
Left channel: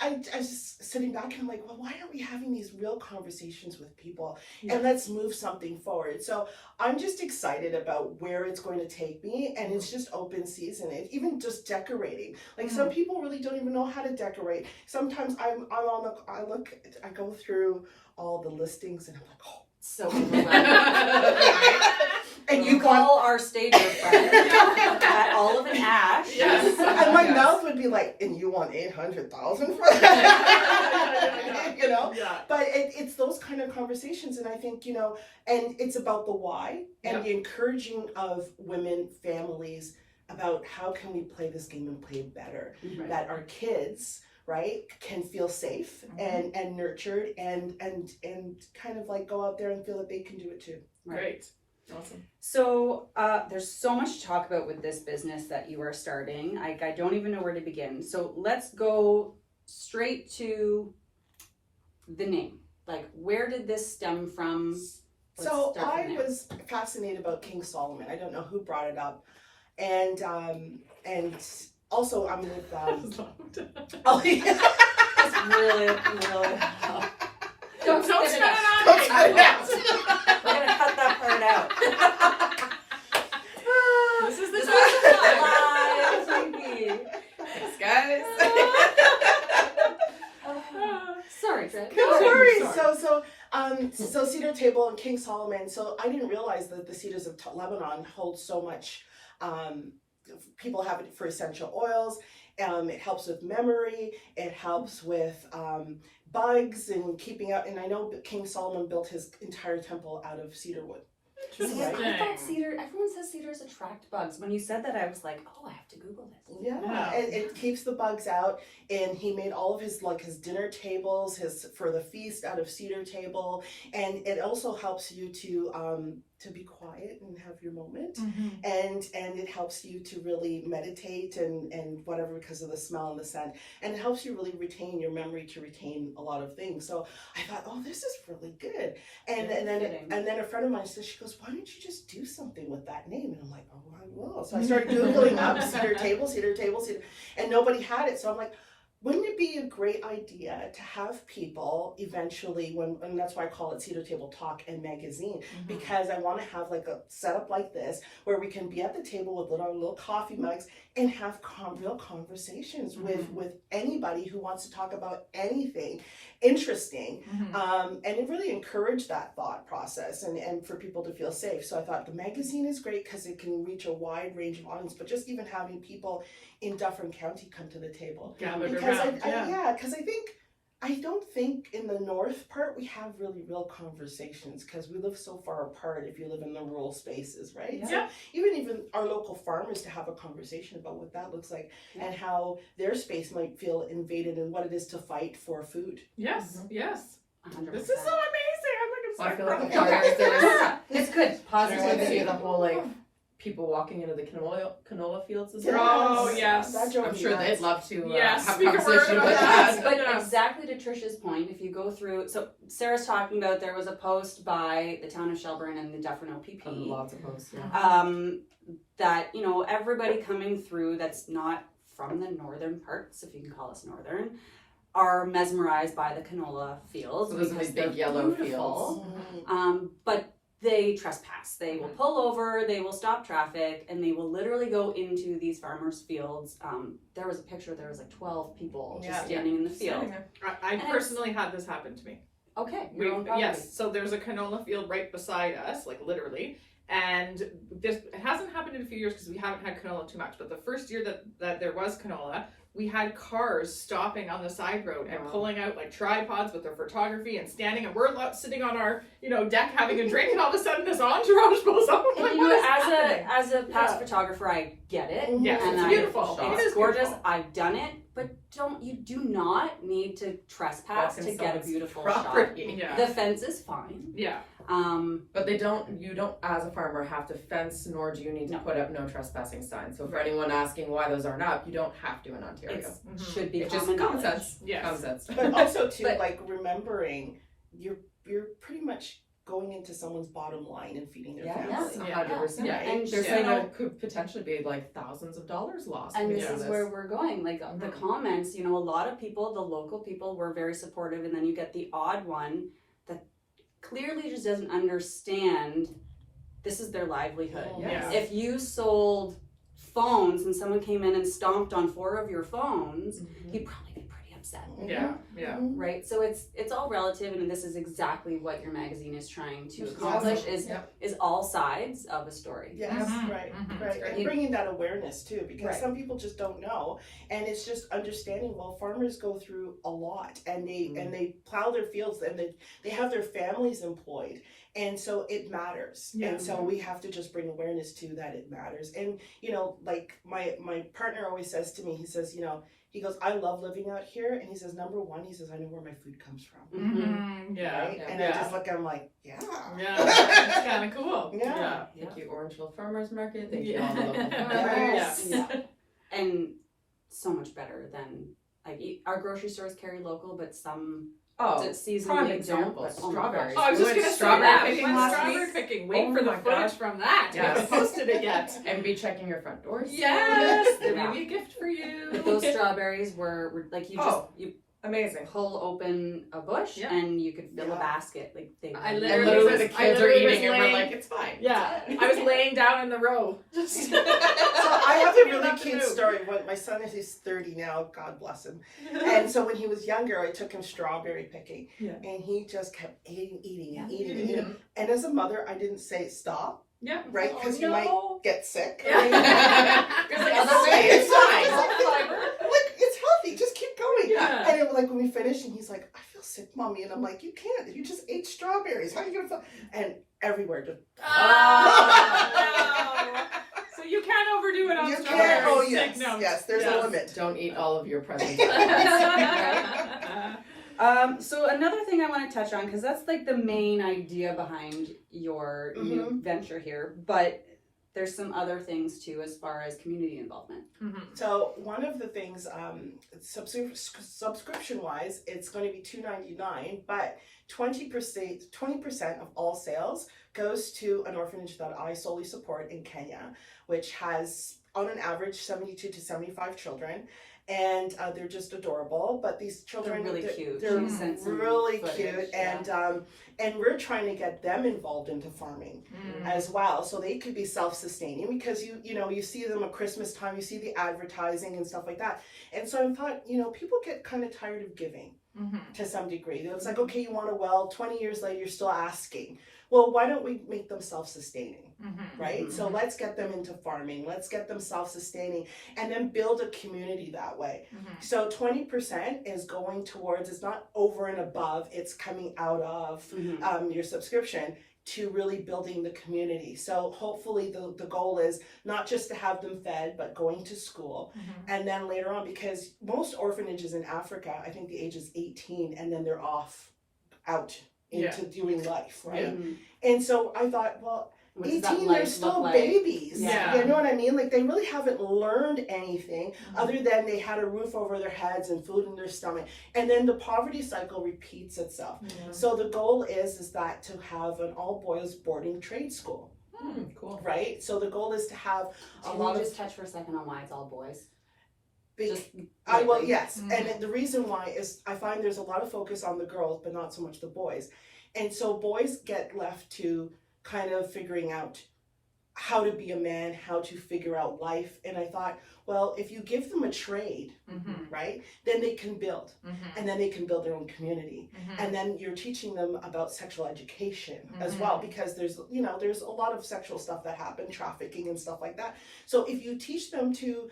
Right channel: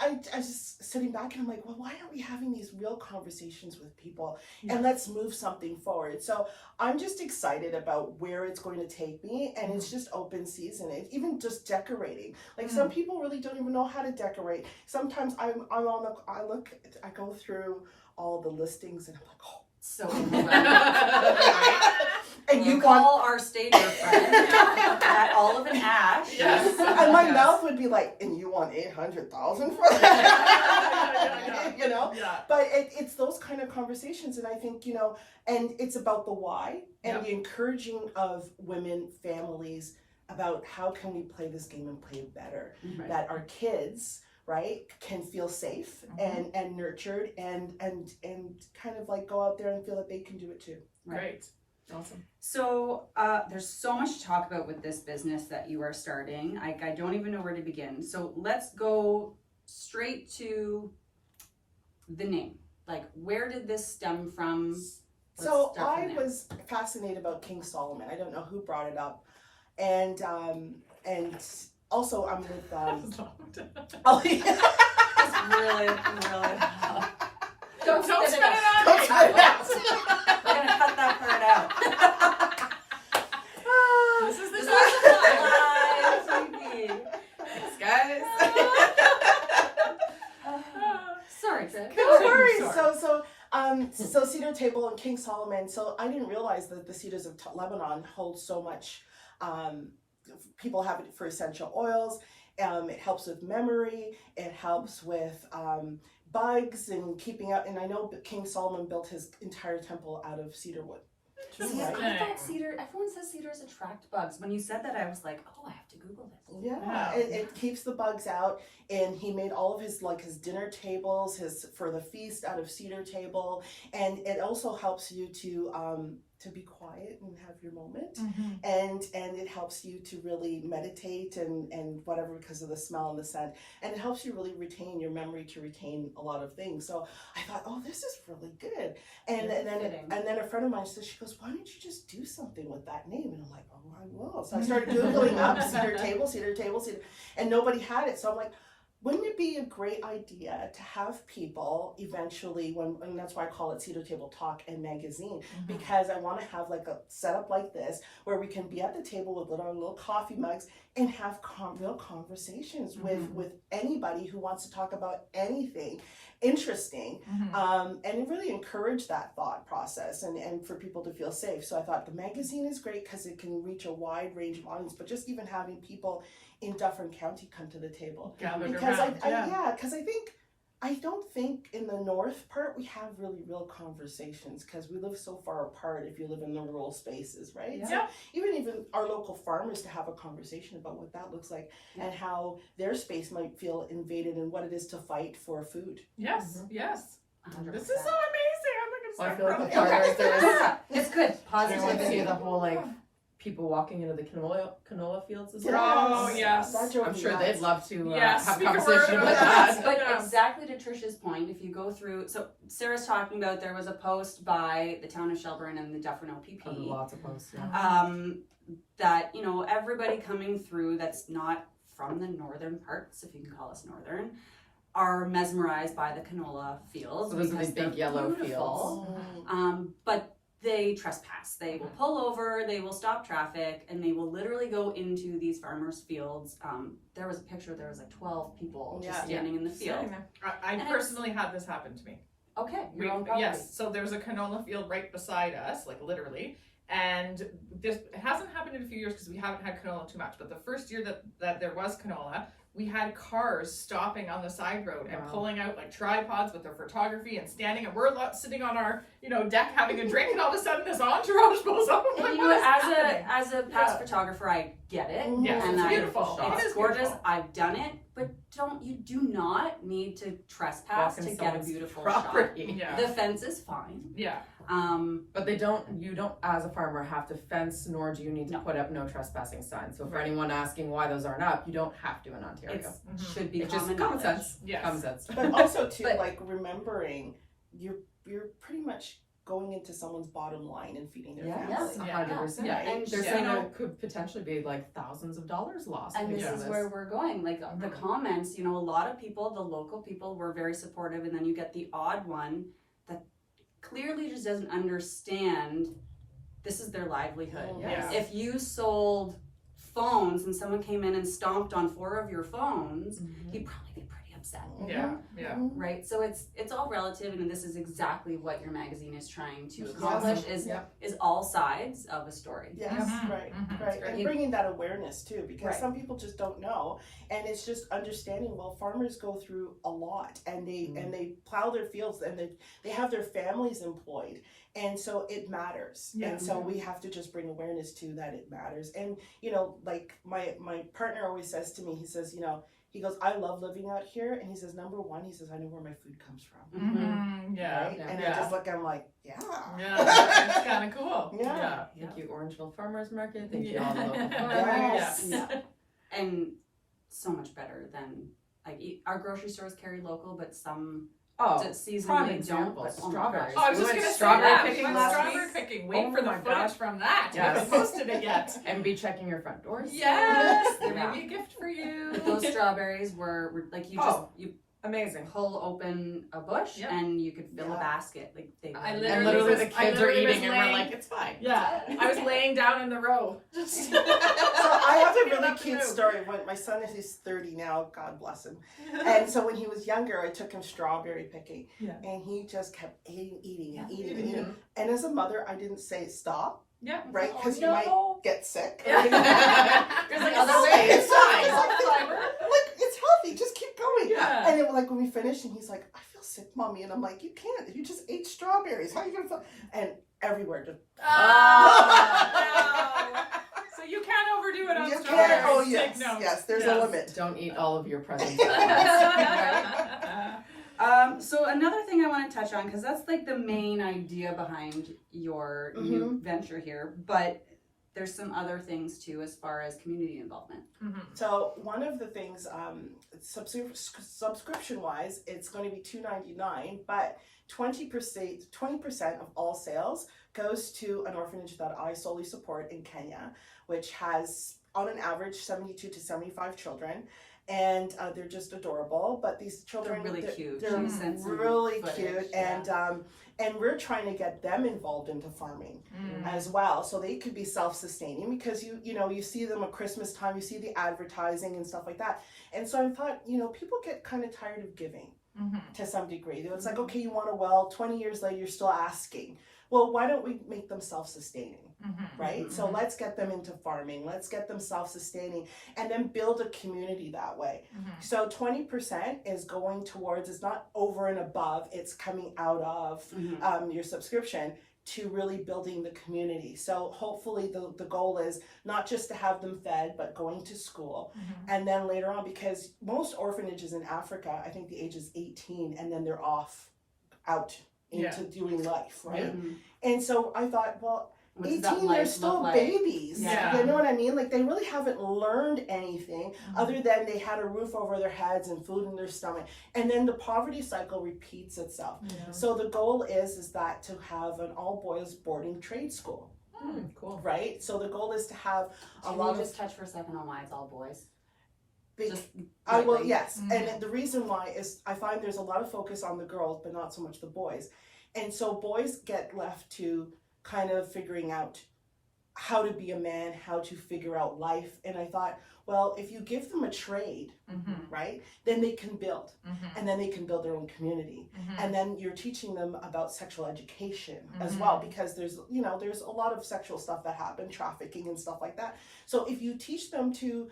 I just sitting back and I'm like, well, why aren't we having these real conversations with people, and let's move something forward? So I'm just excited about where it's going to take me, and it's just open season. Even just decorating. Like, some people really don't even know how to decorate. Sometimes I go through all the listings and I'm like, oh. So overwhelmed. And you call our stager friend at Olive and Ash. Yes. And my mouth would be like, and you want 800,000 for that? Yeah. But it's those kind of conversations, and I think, and it's about the why and the encouraging of women, families, about how can we play this game and play it better, that our kids, right, can feel safe and nurtured and kind of like go out there and feel that they can do it too. Great. Awesome. So there's so much to talk about with this business that you are starting. I don't even know where to begin. So let's go straight to the name. Like, where did this stem from? So I was fascinated about King Solomon. I don't know who brought it up, and also I'm with Oh, yeah. It's really. Don't spit it on Don't me. spit it out. We're gonna cut that part out. This is the Live TV. Thanks, guys. Sorry, Trish. No worries. So Cedar Table and King Solomon. So I didn't realize that the cedars of Lebanon hold so much. People have it for essential oils. It helps with memory. It helps with bugs and keeping out. And I know King Solomon built his entire temple out of cedar wood. See, I right? thought cedar, everyone says cedars attract bugs. When you said that, I was like, oh, I have to Google this. Yeah, it keeps the bugs out, and he made all of his his dinner tables, for the feast out of cedar table, and it also helps you to be quiet and have your moment, and it helps you to really meditate and whatever because of the smell and the scent, and it helps you really retain your memory to retain a lot of things. So I thought, oh, this is really good, and then a friend of mine said, she goes, why don't you just do something with that name? And I'm like, oh, I will. So I started Googling up cedar table, and nobody had it. So I'm like, wouldn't it be a great idea to have people eventually, and that's why I call it Cedar Table Talk and Magazine, because I want to have like a setup like this where we can be at the table with little coffee mugs and have real conversations with anybody who wants to talk about anything interesting, and it really encouraged that thought process and for people to feel safe. So I thought the magazine is great because it can reach a wide range of audience, but just even having people in Dufferin County come to the table. Gathered Because around, because I don't think in the north part we have really real conversations because we live so far apart if you live in the rural spaces, right? Yeah. So even our local farmers to have a conversation about what that looks like and how their space might feel invaded and what it is to fight for food. Yes, yes. 100%. This is so amazing. I'm I feel like, like I'm the so progress there. Yeah, it's good. I want to see Positivity. the whole people walking into the canola fields as Yes. well. Oh, yes. That drove I'm me sure nuts. they'd love to Yes, have we can conversation work on with that. us. But Yes. exactly to Trisha's point, if you go through, so Sarah's talking about there was a post by the town of Shelburne and the Dufferin OPP Lots of posts. Yeah. that, everybody coming through that's not from the northern parts, if you can call us northern, are mesmerized by the canola fields So those are because the they're big yellow beautiful. fields. But they trespass. They will pull over, they will stop traffic, and they will literally go into these farmers' fields. There was a picture, there was 12 people just standing in the field. I personally had this happen to me. Okay, your own property. Yes, so there's a canola field right beside us, literally. And it hasn't happened in a few years because we haven't had canola too much. But the first year that there was canola, we had cars stopping on the side road and pulling out tripods with their photography and standing, and we're sitting on our deck having a drink, and all of a sudden this entourage pulls up. I'm like, what is happening? As a past photographer, I get it. Yes, and it's beautiful. It's It is gorgeous. beautiful. I've done it, but you do not need to trespass to get a beautiful property. shot. Yeah. The fence is fine. Yeah. But you don't as a farmer have to fence, nor do you need to put up no trespassing signs. So for anyone asking why those aren't up, you don't have to in Ontario. It should be It's just common common knowledge. sense. Yes. Common sense. But also too, But- remembering you're pretty much going into someone's bottom line and feeding their Yes, family. 100%. Yeah. And They're so- saying it could potentially be thousands of dollars lost. And this because is of where we're going. The comments, a lot of people, the local people were very supportive, and then you get the odd one that clearly just doesn't understand this is their livelihood. Yes. If you sold phones and someone came in and stomped on 4 of your phones, he'd probably be pretty upset. Yeah. Yeah. Right? So it's all relative, and this is exactly what your magazine is trying to accomplish is all sides of a story. Yes, Mhm. right. Mhm. And bringing that awareness too, because Right. some people just don't know, and it's just understanding. Well, farmers go through a lot, and they plow their fields, and they have their families employed, and so it matters. Yeah. And so we have to just bring awareness to that it matters. And my partner always says to me, he says, he goes, I love living out here, and he says, number one, he says, I know where my food comes from. Yeah. Right? And I just look at him like, yeah. Yeah. It's kind of cool. Yeah. Thank you, Orangeville Farmers Market. Thank you, Yeah. all the local Yes. farmers. Yeah. And so much better than our grocery stores carry local, but some seasonally prime don't. example, But strawberries. Oh, I was We just went gonna say strawberry that. picking We went last strawberry week. picking. Wait Oh for the my footage gosh. from that. We Yes. haven't posted it yet. And be checking your front doors. Yes, there Yeah. may be a gift for you. But those strawberries were you Amazing. pull open a bush Yeah. and you could fill a Yeah. basket. I And literally literally was- the I kids are literally was eating and we're laying- like, it's fine. Yeah, I was laying down in the row. Just So I have We a don't really have to cute move. story. When my son is 30 now, God bless him. And so when he was younger, I took him strawberry picking, Yeah. and he just kept eating. Yeah. And as a mother, I didn't say stop, Yeah. right? Because you might get sick. Yeah. There's Like, other ways. it's fine. Like, it's healthy. Just keep going. Yeah. And it was like when we finished, and he's like, I feel feel sick, Mommy. And I'm like, you can't. You just ate strawberries. How are you going to feel? And everywhere just. Oh, no. So you can't overdo it on You strawberries. can't. Oh, Take yes. notes. Yes, there's a limit. Don't eat all of your presents. So another thing I want to touch on, because that's like the main idea behind your new venture here, but there's some other things too as far as community involvement. So one of the things, subscription wise, it's going to be $2.99, but 20% of all sales goes to an orphanage that I solely support in Kenya, which has on an average 72 to 75 children. And they're just adorable, but these children, They're really cute. They're She sent some really footage, cute, yeah. and we're trying to get them involved into farming as well, so they could be self-sustaining. Because you see them at Christmas time, you see the advertising and stuff like that. And so I thought, people get kind of tired of giving to some degree. It's like, okay, you want a well, 20 years later, you're still asking. Well, why don't we make them self-sustaining, right? So let's get them into farming. Let's get them self-sustaining and then build a community that way. So 20% is going towards, it's not over and above, it's coming out of your subscription to really building the community. So hopefully the goal is not just to have them fed, but going to school. And then later on, because most orphanages in Africa, I think the age is 18 and then they're off out into doing life, right? And so I thought, well, 18, they're still babies. Yeah. You know what I mean? Like, they really haven't learned anything other than they had a roof over their heads and food in their stomach. And then the poverty cycle repeats itself. So the goal is that to have an all-boys boarding trade school. Cool. Right? So the goal is to have a Can lot you of... just touch for a second on why it's all boys? I will, yes. And the reason why is I find there's a lot of focus on the girls, but not so much the boys. And so boys get left to kind of figuring out how to be a man, how to figure out life. And I thought, well, if you give them a trade, right, then they can build. And then they can build their own community. And then you're teaching them about sexual education as well, because there's a lot of sexual stuff that happen, trafficking and stuff like that. So if you teach them to,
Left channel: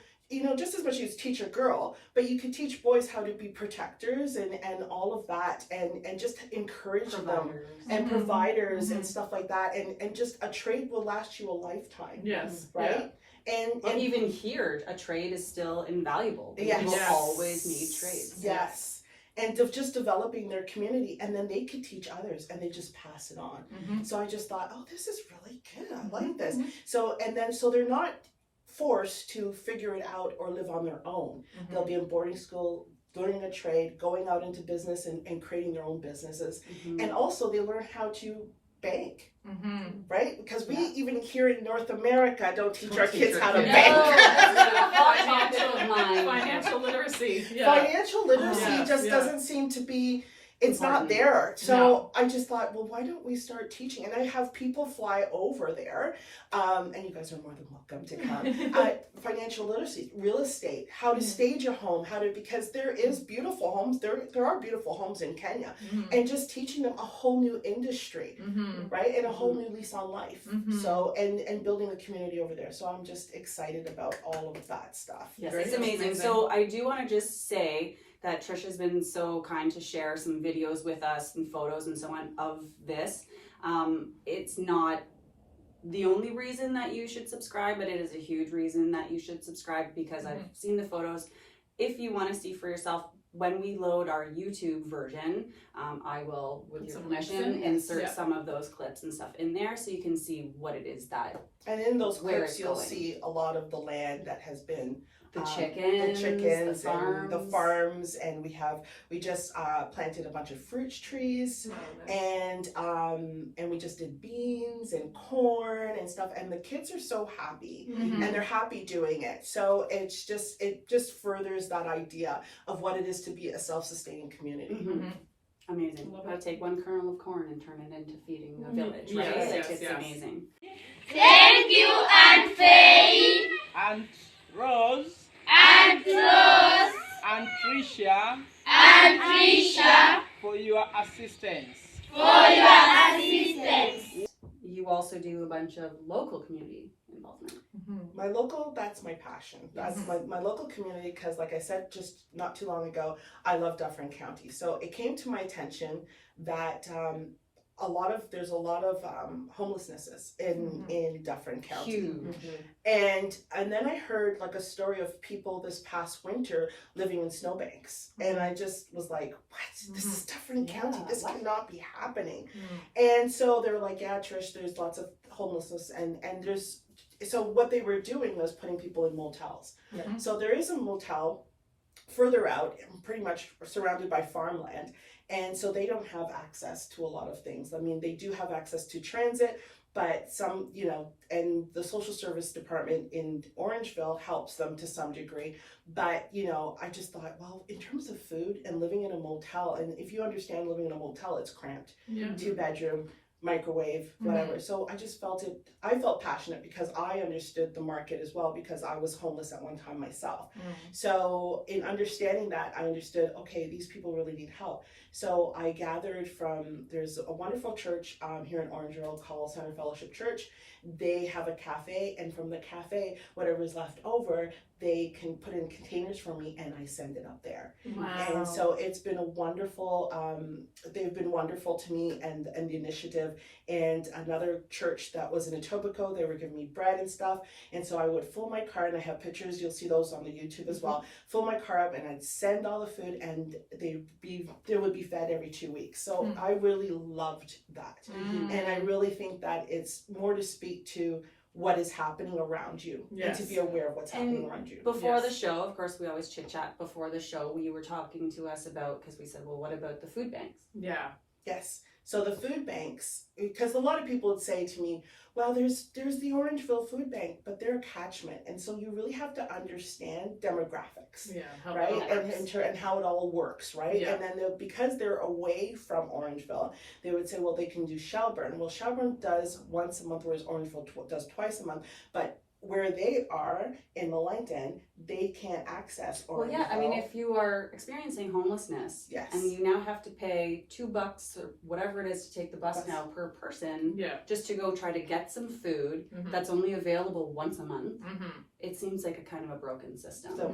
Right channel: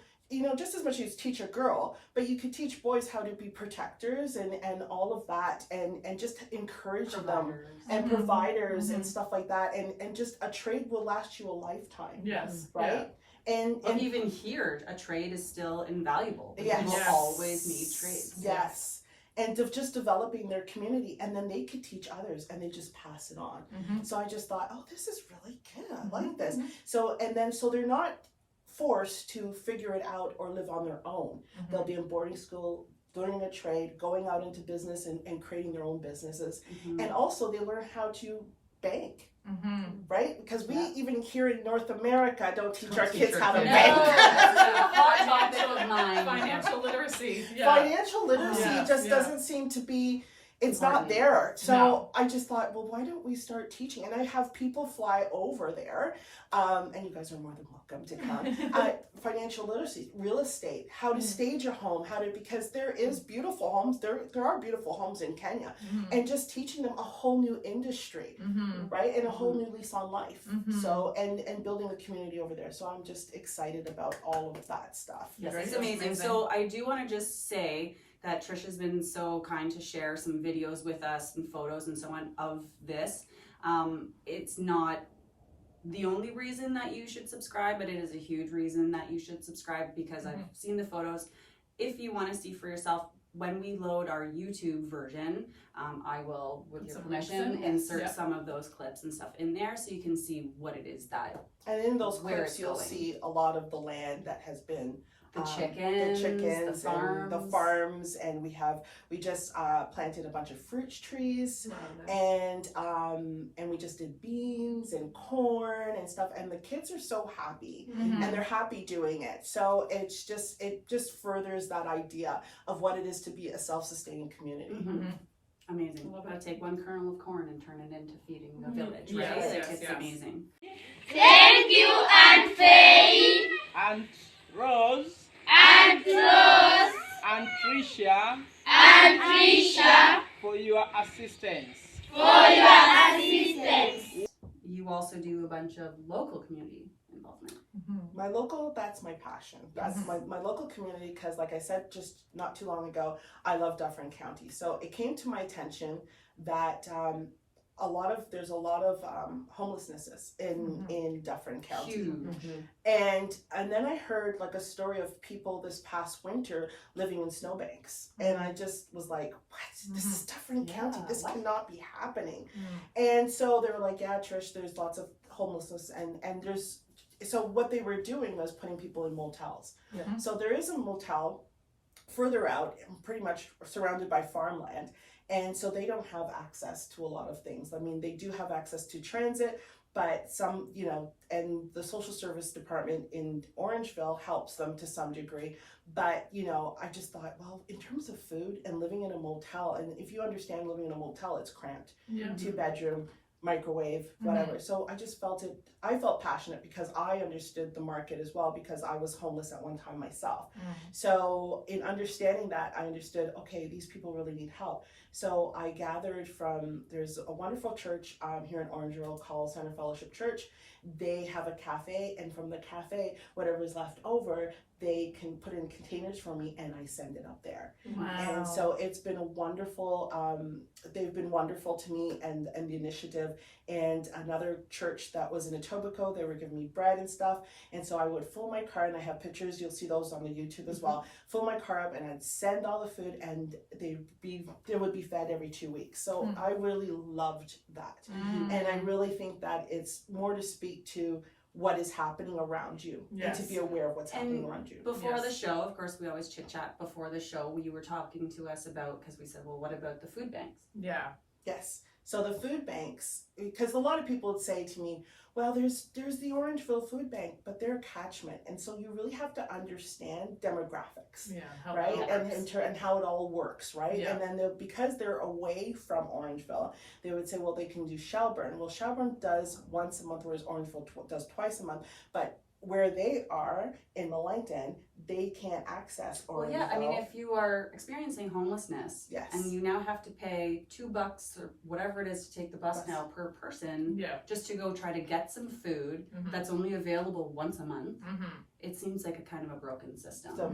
just as much as you teach a girl, but you could teach boys how to be protectors and all of that, and just encourage them and providers and stuff like that, and just a trade will last you a lifetime. Yes. Right? And even here, a trade is still invaluable. Yes. People always need trades. Yes. And of just developing their community, and then they could teach others, and they just pass it on. So I just thought, oh, this is really good. I like this. So they're not forced to figure it out or live on their own. They'll be in boarding school, learning a trade, going out into business and creating their own businesses. And also they learn how to bank, right? Because we even here in North America don't teach our kids how to bank. Financial literacy. Financial literacy just doesn't seem to be, it's not there. So I just thought, well, why don't we start teaching? And I have people fly over there, and you guys are more than welcome to come. Financial literacy, real estate, how to stage a home, because there is beautiful homes. There are beautiful homes in Kenya, and just teaching them a whole new industry, right? And a whole new lease on life. So, and building a community over there. So I'm just excited about all of that stuff. Yes, it's amazing. So I do want to just say that Trisha's been so kind to share some videos with us and photos and so on of this. It's not the only reason that you should subscribe, but it is a huge reason that you should subscribe, because I've seen the photos. If you want to see for yourself, when we load our YouTube version, I will, with your permission, insert some of those clips and stuff in there so you can see what it is that. And in those clips, you'll see a lot of the land that has been the chickens, and the farms, and we just planted a bunch of fruit trees, and we just did beans and corn and stuff, and the kids are so happy, and they're happy doing it. So it just furthers that idea of what it is to be a self-sustaining community. Amazing. Gotta take one kernel of corn and turn it into feeding the village, right? It's amazing. Thank you, Aunt Faye. And Rose. And Rose. And Trisha. And Trisha. For your assistance. You also do a bunch of local community involvement. My local, that's my passion. That's my local community, because like I said just not too long ago, I love Dufferin County. So it came to my attention that there's a lot of homelessness in Dufferin County. Huge. And then I heard like a story of people this past winter living in snowbanks, and I just was like, what? This is Dufferin County. This cannot be happening. And so they were like, yeah, Trish, there's lots of homelessness, and there's, so what they were doing was putting people in motels. So there is a motel further out, pretty much surrounded by farmland. And so they don't have access to a lot of things. I mean, they do have access to transit, but some, and the social service department in Orangeville helps them to some degree. But, I just thought, well, in terms of food and living in a motel, and if you understand living in a motel, it's cramped. 2-bedroom, microwave, whatever. So I felt passionate because I understood the market as well, because I was homeless at one time myself. So in understanding that, I understood, okay, these people really need help. So I gathered there's a wonderful church here in Orangeville called Center Fellowship Church. They have a cafe, and from the cafe, whatever's left over, they can put in containers for me, and I send it up there. Wow. And so it's been a wonderful, they've been wonderful to me, and the initiative. And another church that was in Etobicoke, they were giving me bread and stuff. And so I would fill my car, and I have pictures, you'll see those on the YouTube as well, fill my car up, and I'd send all the food, and they would be fed every 2 weeks. So I really loved that. And I really think that it's more to speak to what is happening around you, and to be aware of what's happening around you. Before the show, of course, we always chit chat before the show. You were talking to us about, because we said, well, what about the food banks? Yes. So the food banks, because a lot of people would say to me, well, there's the Orangeville Food Bank, but they're a catchment. And so you really have to understand demographics, right? And how it all works, right? And then because they're away from Orangeville, they would say, well, they can do Shelburne. Well, Shelburne does once a month, whereas Orangeville does twice a month. But where they are in Linton, they can't access Orangeville. Well, yeah, I mean, if you are experiencing homelessness, and you now have to pay $2 or whatever it is to take the bus now per person, just to go try to get some food that's only available once a month, it seems like a kind of a broken system. So,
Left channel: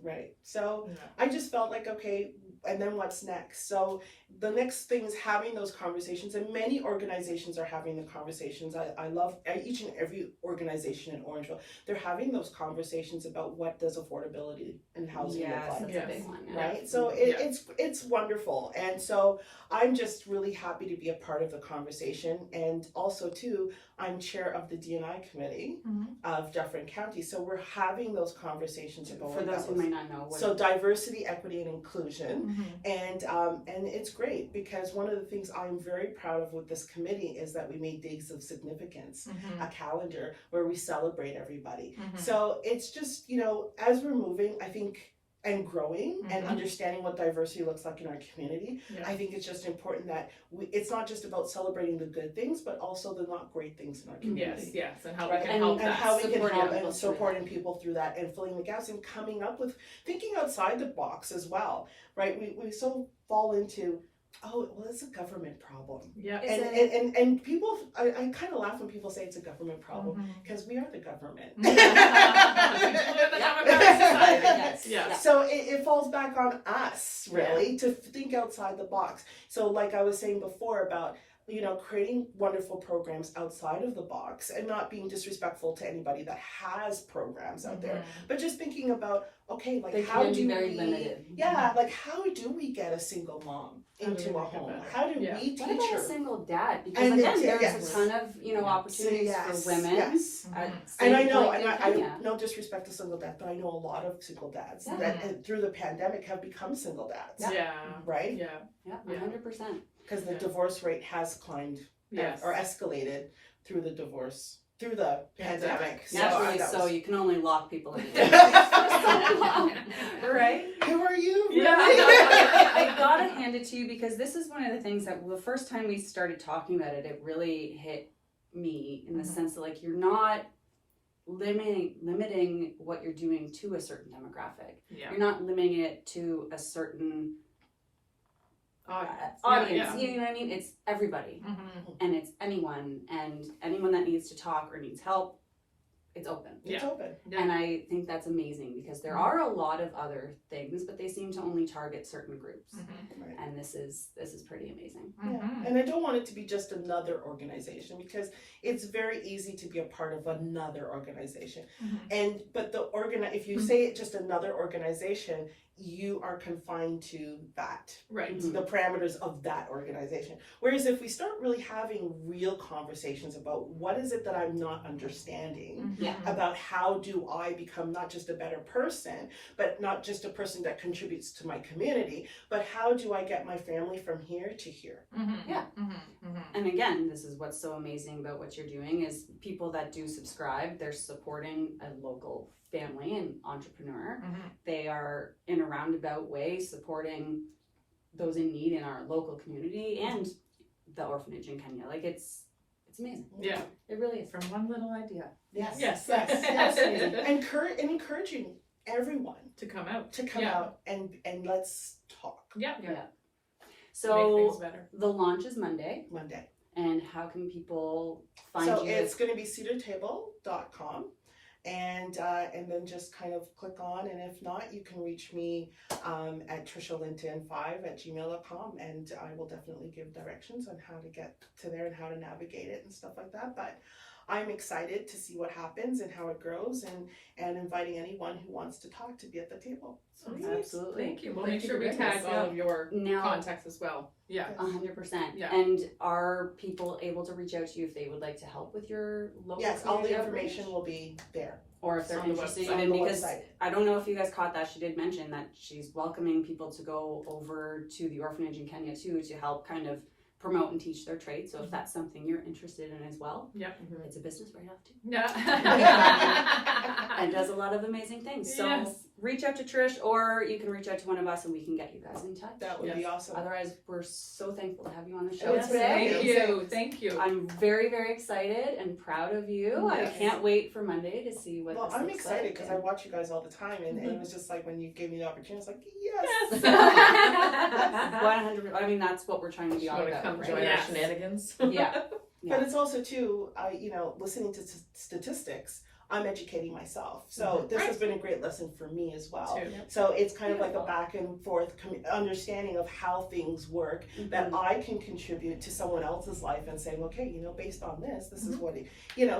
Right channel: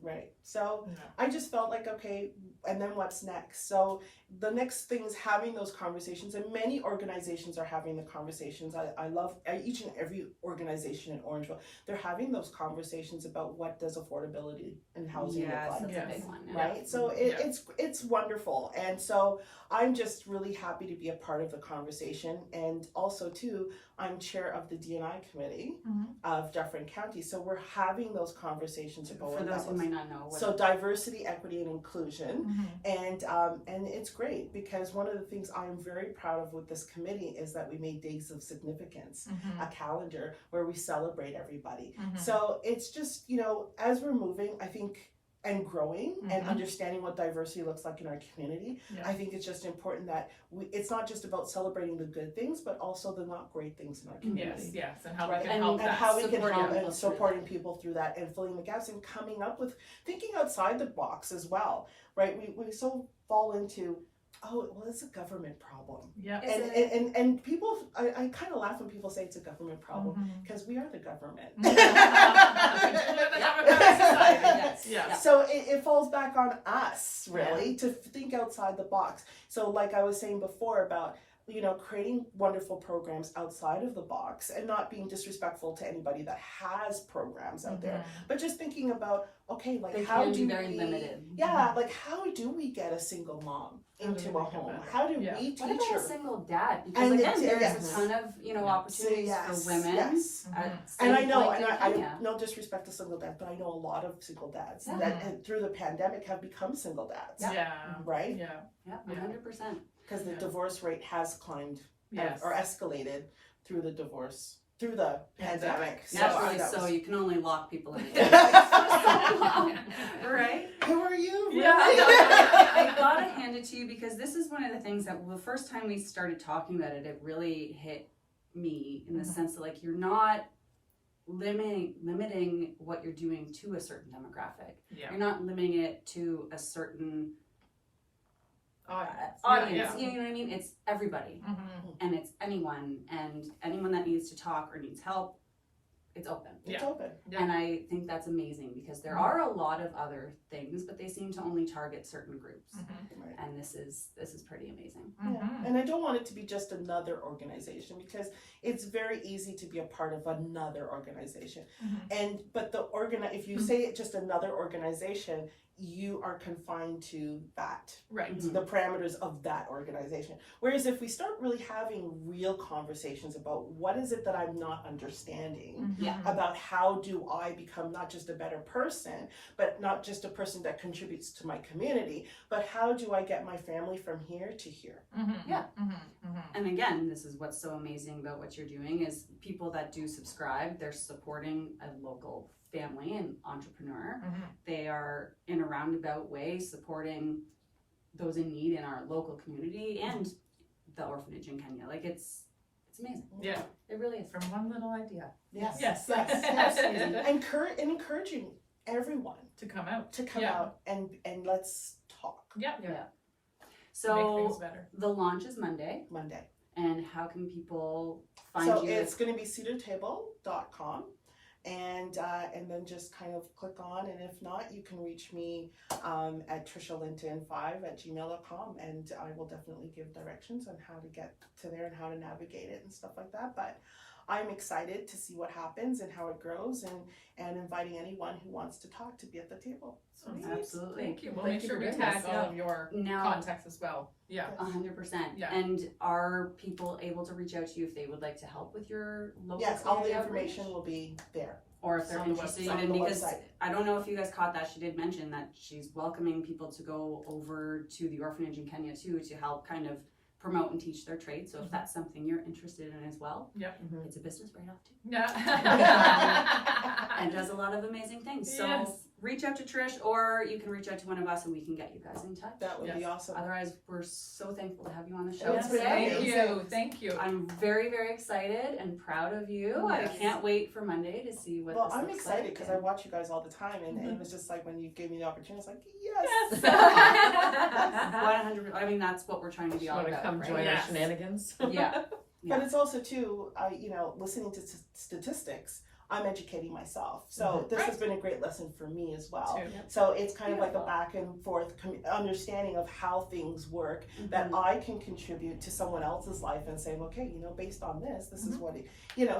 right. So I just felt like, okay, and then what's next? So the next thing is having those conversations, and many organizations are having the conversations. I love each and every organization in Orangeville. They're having those conversations about what does affordability and housing look like. That's a big one. Right? So it's wonderful. And so I'm just really happy to be a part of the conversation. And also too, I'm chair of the D&I committee of Dufferin County. So we're having those conversations for those who might not know. So diversity, equity, and inclusion. And it's great, because one of the things I'm very proud of with this committee is that we made days of significance, a calendar where we celebrate everybody. So it's just, as we're moving, I think, and growing and understanding what diversity looks like in our community, I think it's just important that it's not just about celebrating the good things, but also the not great things in our community. Yes, and how we can help that. And how we can help and supporting people through that, and filling the gaps, and coming up with thinking outside the box as well, right? We so fall into, oh, well, it's a government problem. And people, I kind of laugh when people say it's a government problem, because we are the government. So it falls back on us, really, to think outside the box. So like I was saying before about, creating wonderful programs outside of the box, and not being disrespectful to anybody that has programs out there, but just thinking about, okay, like they how can do be very we, limited. like how do we get a single mom into a home? How do we teach her? What about a single dad? Because again, there's a ton of opportunities for women. And I know, I no disrespect to single dads, but I know a lot of single dads that through the pandemic have become single dads. Right? Yeah, 100%. Because the divorce rate has climbed or escalated through the pandemic. Naturally, so you can only lock people in. Right? Who are you? Really? I gotta hand it to you, because this is one of the things that the first time we started talking about it, it really hit me in the sense that, like, you're not limiting what you're doing to a certain demographic. You're not limiting it to a certain audience. You know what I mean? It's everybody, and it's anyone that needs to talk or needs help, it's open. It's open. Yeah. And I think that's amazing because there are a lot of other things, but they seem to only target certain groups. Right. And this is pretty amazing. Yeah. And I don't want it to be just another organization because it's very easy to be a part of another organization. But if you say it just another organization, you are confined to that, Right. the parameters of that organization. Whereas if we start really having real conversations about what is it that I'm not understanding, about how do I become not just a better person, but not just a person that contributes to my community, but how do I get my family from here to here? Yeah. And again, this is what's so amazing about what you're doing is people that do subscribe, they're supporting a local family and entrepreneur. They are in a roundabout way supporting those in need in our local community and the orphanage in Kenya. Like it's amazing. Yeah. It really is. From one little idea. Yes. Yes. And encouraging everyone To come out. to come out and let's talk. Yeah. Yeah. So Make things better. the launch is Monday. Monday. And how can people find So you? it's going to be cedartable.com. And then just kind of click on, and if not, you can reach me at trishalinton5@gmail.com, and I will definitely give directions on how to get to there and how to navigate it and stuff like that. But I'm excited to see what happens and how it grows, and inviting anyone who wants to talk to be at the table. Sweet. Absolutely. Thank you. We'll Thank make you sure for we doing tag this. all of your Now, contacts as well. Yeah. 100%. Yeah. And are people able to reach out to you if they would like to help with your local Yes, all the community outreach? information will be there. Or if they're on the interested website. in, On the because website. I don't know if you guys caught that, she did mention that she's welcoming people to go over to the orphanage in Kenya too to help kind of promote and teach their trade. So if that's something you're interested in as well, it's a business right off too. Yeah. And does a lot of amazing things. So Yes. reach out to Trish, or you can reach out to one of us and we can get you guys in touch. That would be awesome. Otherwise, we're so thankful to have you on the show Yes, today. Thank you. Thank you. I'm very, very excited and proud of you. Yes. I can't wait for Monday to see what Well, this I'm looks excited like. because I watch you guys all the time, and it was just like when you gave me the opportunity, it's like, yes. 100%. I mean, that's what we're trying to be all Want to about, come right? join Yes. our shenanigans? Yeah. But it's also too, listening to statistics, I'm educating myself. So this has been a great lesson for me as well. Too. So it's kind of like Beautiful. a back and forth understanding of how things work that I can contribute to someone else's life and saying, okay, based on this is what it,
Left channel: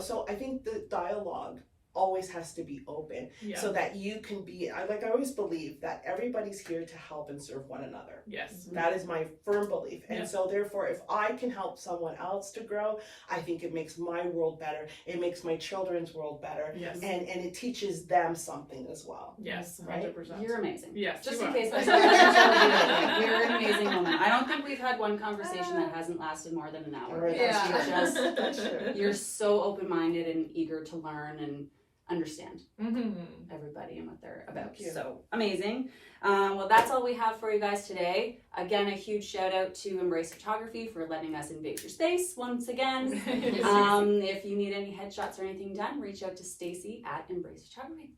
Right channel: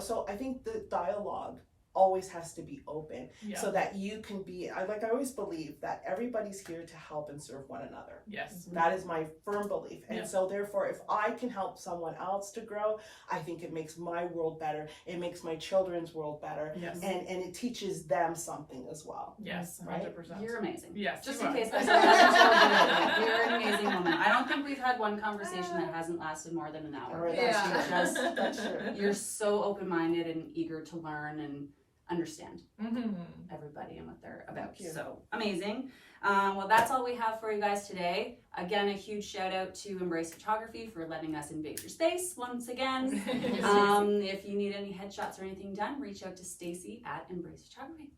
so I think the dialogue always has to be open Yeah. so that you can be, I always believe that everybody's here to help and serve one another. Yes. That is my firm belief. And Yeah. so therefore, if I can help someone else to grow, I think it makes my world better. It makes my children's world better. Yes. And it teaches them something as well. Yes. Right? 100%. You're amazing. Yes. Just you in are. case this you're an amazing woman. I don't think we've had one conversation that hasn't lasted more than an hour. Right, Yeah. You're just That's true. you're so open-minded and eager to learn and understand Mm-hmm. everybody and what they're about. Thank you. So amazing. Well, that's all we have for you guys today. Again, a huge shout out to Embrace Photography for letting us invade your space once again. If you need any headshots or anything done, reach out to Stacy at Embrace Photography.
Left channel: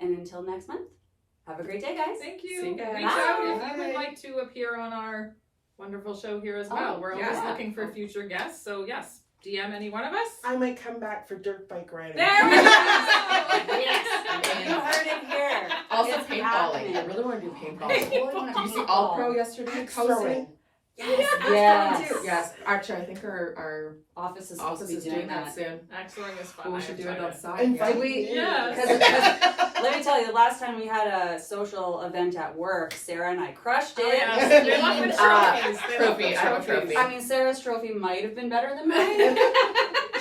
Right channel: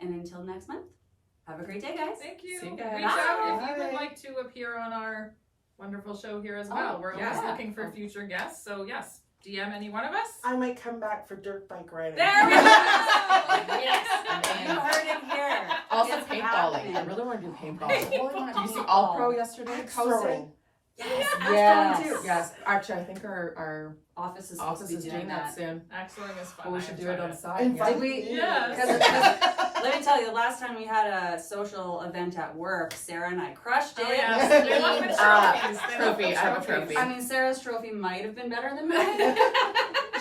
And until next month, have a great day, guys. Thank you. See you guys. Reach out if you Bye. would like to appear on our wonderful show here as well. Oh, We're always yeah. looking for future guests. So yes, DM any one of us. I might come back for dirt bike riding. There we go. Yes, you heard it here. Also It's paintballing. happening. I really want to do paintball. Paintball. Did you see All Pro yesterday? Axe Posted? throwing. Yes. Yes. Too. Yes. Actually, I think our Office is supposed office to be is doing that that. soon. Axe throwing is fun. We I should do enjoyed it it. outside. Invite Did we? me. Yes. Because let me tell you, the last time we had a social event at work, Sarah and I crushed it. Oh, yes. They love the trophies. They love the Trophy. I have a trophy. I mean, Sarah's trophy might have been better than mine.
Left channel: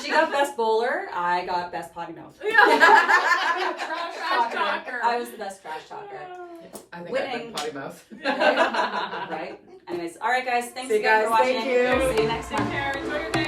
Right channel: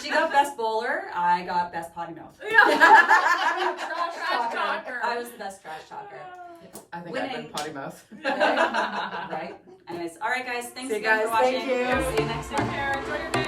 She got best bowler. I got best potty mouth. Trash talker. I was the best trash talker. I think Winning. I've been potty mouth. Right? Anyways, all right, guys. Thanks See you again for guys. watching. Thank you. See you next Take time. care. Enjoy your day.